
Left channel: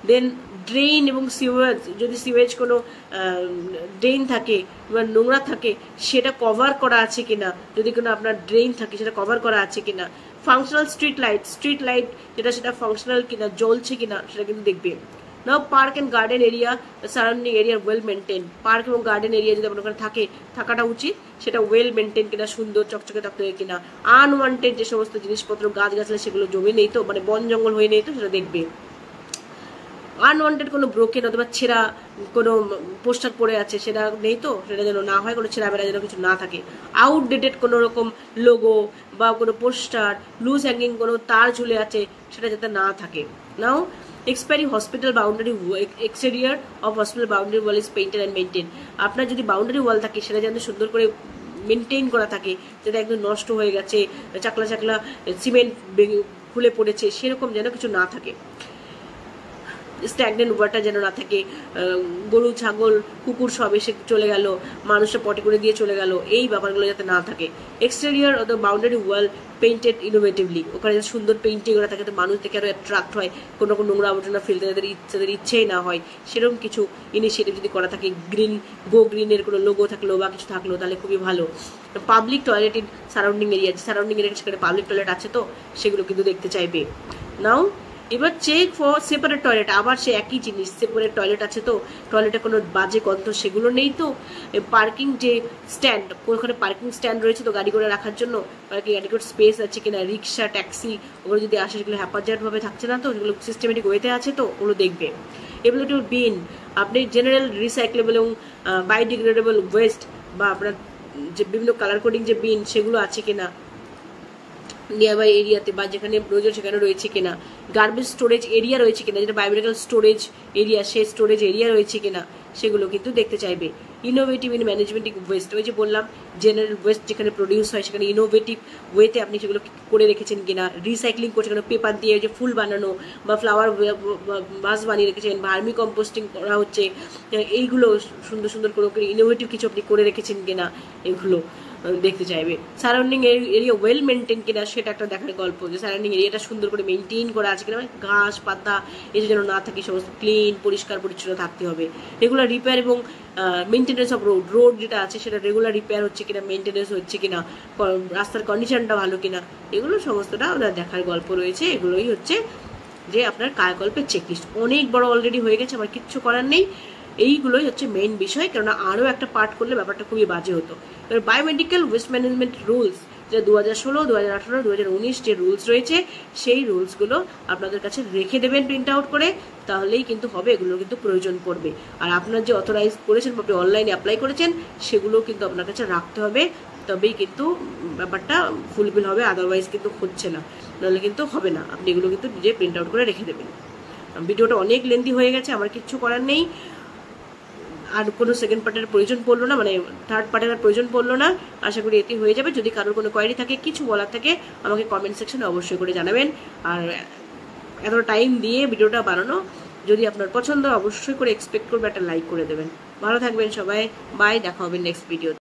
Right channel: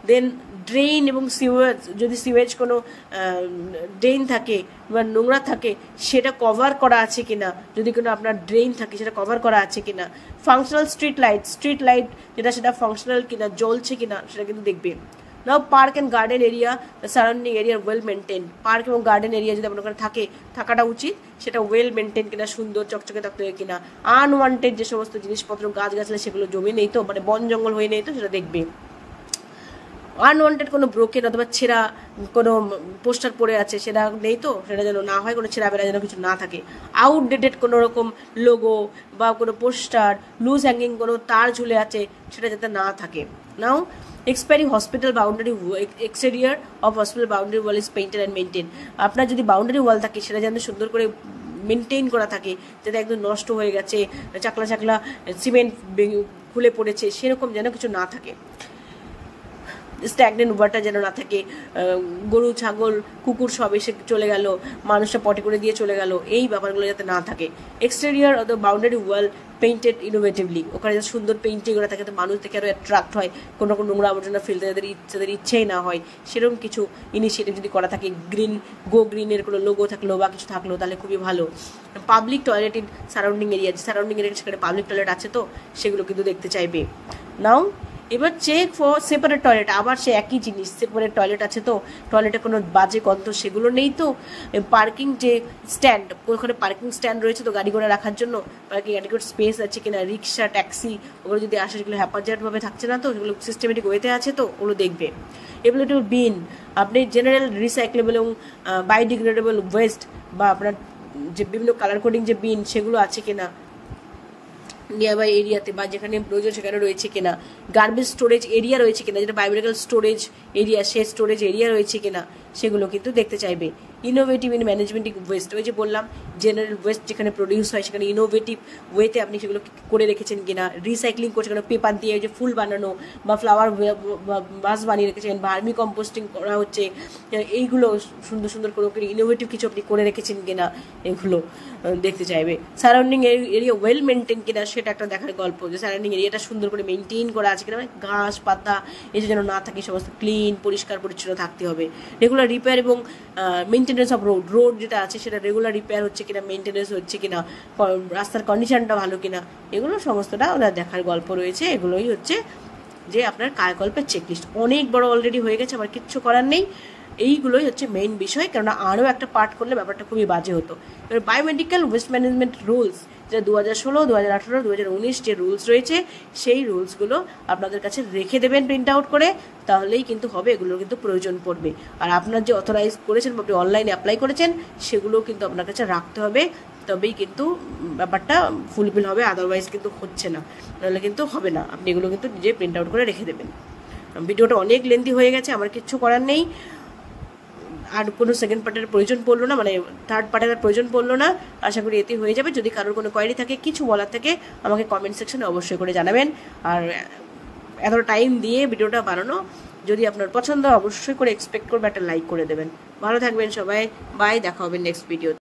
দেন ড্রেন এবং সিওয়েজ, যদি সিওয়েজ কোনো ড্রেন থাকে বা নোংরা থাকে সেটা কভার করা আছে কিনা, যদি কোনো আপনার ড্রেন থাকে সেটা কভার করা আছে কিনা। ফাংশনাল স্ট্রিট লাইট যেটা সেটা ফাংশনাল কিনা, জ্বলছে কিনা সেটা কিন্তু দেখবে। Now park and garden area, surrounding area well maintain. Park এবং গার্ডেন এরিয়া যদি আপনার ওখানে থাকাটা উচিত, সেটা ওয়েল মেনটেন কিনা, সুন্দর চকচকে থাকতে হয় কিনা। আনওয়ান্টেড যে সমস্ত জিনিসপত্র গাছগাছলা সেগুলো জমে নেই তো, মানে বন জঙ্গল হয়ে নেই তো, সেটা দেখবে। আনওয়ান্টেড কোনো ব্রোকেন অথবা ছেঁড়া কোনো পোস্টার পড়ে আছে সেটা নেই তো, সেটা যেন না হয়, কোনো ছেঁড়া বেড়া যেন কিছু না থাকে। আউটডেটেড কোনো রকম লোগো বা কোনো পোস্টার, লুজ হ্যাঙ্গিং কোনো তার ঝুলে আছে সেটা যাতে না থাকে। Now expiring hospital boundary, exterior of hospital boundary wall is painted and maintain. আপনার যদি বাউন্ডারি ওয়াল থাকে সেটা যেন সুন্দর করে মেনটেন করা থাকে, যাতে একদম নষ্ট হয়ে গেছে, চাকলা সিমেন্ট খুলে পড়েছে সেরকম যেন কিছু না থাকে। স্ট্যাগনেন্ট ওয়াটার যেন না থাকে, গরু ছাগল কুকুর সব এসে চলে গেল, মানুষটা পটি করে দিয়ে চলে গেল, এই ব্যাপারগুলো যাতে না থাকে। Exterior of the boundary wall painted innovatively, ওখানে যাতে সুন্দর পেইন্টিং করা থাকে, তো মানুষ থেকে আরও অ্যাট্রাক্ট হয়, কোনো রকম নোংরা আবর্জনা ফেলতে যাদের ইচ্ছেই না হয়, সেরকম কিছু ইনিশিয়েটিভ যদি করা থাকে, গ্রিনের কোনো লোগো থাকলো বা কিছু থাকলো তাহলে খুবই ভালো। Public toilet in surrounding area সেখানে পাবলিক টয়লেট আছে তো সেগুলো কিন্তু দেখতে চাইবে। নাও এবার চেক ফর সেপারেট টয়লেট, আবার সে একই জিনিস, সেপারেট টয়লেট আছে তো, টয়লেটে কোনো বাজে গন্ধ সেগুলো নেই তো। পার্কিং যে স্ট্যান্ড, ওখানে পার্কিং স্ট্যান্ড রয়েছে তো গাড়ি ঘোড়া রাখার জন্য, পার্কিং অ্যাডিকুয়েট স্পেস আছে কিনা, রিক্সা ট্যাক্সি ওগুলো যদি আসে সেগুলো হ্যাপারজাটভাবে থাকছে না তো, সেগুলো সিস্টেমেটিক ওয়েতে আছে তো, ওগুলো দেখবে। এবিলিটি বিন, আপনি জেনারেল রিসাইক্লেবল এবং বায়োডিগ্রেডেবল ওয়েস্ট বা আপনার যে বিভিন্ন কালার কোডিং যে বিন সেগুলো আছে কিনা নিয়ারবাই এরিয়াতে, বা যেখানে প্রয়োজন সেখানে রয়েছে কিনা। গার্বেজ স্টোরেজ এরিয়া রয়েছে কিনা, যেটা বায়োমেডিক্যাল স্টোরেজ এরিয়া, সে স্টোরেজ এরিয়া রয়েছে কিনা সেগুলো কিন্তু দেখতে চাইবে। ইনোভেটিভ ইন ম্যানেজমেন্ট ওয়েস্ট, ওই যে বললাম জেনারেল ওয়েস্ট যেখানে প্রডিউস হয় সেখানে ইনোভেটিভ ওয়েতে আপনি সেগুলো করে রেখেছেন কিনা, রিসাইক্লিং করছে কিনা, পেপার দিয়ে যে ফুল বানানো বা ফ্লাওয়ার বাস বানিয়ে রেখেছেন, ভার্মি কম্পোস্টিং করা হচ্ছে, এইগুলো সুন্দর সুন্দর করে ইনোভেটিভ কিছু আপনি করে রেখেছেন কিনা এগুলো দেখতে চাইবে। সারাউন্ডিং এরিয়া ওয়েল মেনটেন কিনা সেটা একটা দেখার গল্প, যে সারাউন্ডিং এরিয়াটা সুন্দর করে মেনটেন করা আছে কিনা, ঘাস পাতা এসে যেন না থাকে, সমস্ত ক্লিন পরিষ্কার পরিচ্ছন্ন থাকতে হবে। রেগুলার রিপেয়ার এবং মেনটেন্যান্স অফ রোড যেটা আছে সেটা রেগুলার রিপেয়ার হচ্ছে কিনা, মেনটেন্যান্স হচ্ছে কিনা, রাস্তার কন্ডিশনটা ভালো কিনা, এগুলো সমস্তটা ওনার দেখার গল্প রয়েছে। এগুলোই হচ্ছে যে আপনার কায়াকল্পের চেকলিস্ট। অনেক বড় অলরেডি হয়ে গেছে, আমার কিচ্ছু করার নেই, এইগুলোই হচ্ছে মেইন বিষয়, কেননা আরও একটা পার্ট করলে ব্যাপারটা খুবই বাজে হতো। এবার বায়োমেডিক্যাল ওয়েস্ট ম্যানেজমেন্ট রুলস, যেটা 2016, 2018, 2019 যে রুলস রয়েছে সেই রুলসগুলো আপনাদের কাছে রেখে দেবেন প্রিন্ট আউট করে, তাহলেই কিন্তু হবে, এগুলোর কিন্তু প্রয়োজন পড়বে। আর আপনার যে অথরাইজ করেছেন, আপনি অনলাইনে অ্যাপ্লাই করেছেন, সেগুলো কিন্তু আপনার কাছে রাখতে হবে, তবেই কিন্তু ব্যাপারটা ফুলফিল হবে, আদারওয়াইজ কিন্তু হচ্ছে না, নাহলে কিন্তু হবে না। আপনি এগুলো কিন্তু নিজে প্রিন্ট আউট করে রেখে দেবেন। ভিডিওটা অনেক লেন্থি হয়ে গেছে, আমার কিচ্ছু করার নেই, আর কোনো সেকেন্ড পার্টের প্রয়োজন পড়লো না, মানে থার্ড পার্টের প্রয়োজন পড়লো না। আশা করি এতে হয়ে যাবে। যদি কারোর কোনো কোয়েরি থাকে, কিছু বলার থাকে, আমাকে কমেন্ট সেকশনে অবশ্যই করে জানাবেন। আর এতটা টাইম দিয়ে ভিডিওটা বানানো যদি আপনার পছন্দ, অবশ্যই করে এক্সপেক্ট করবে একটা লাইক করে দেবেন। ভালো থাকবেন সবাই, বাই, দেখা হবে নেক্সট ভিডিও।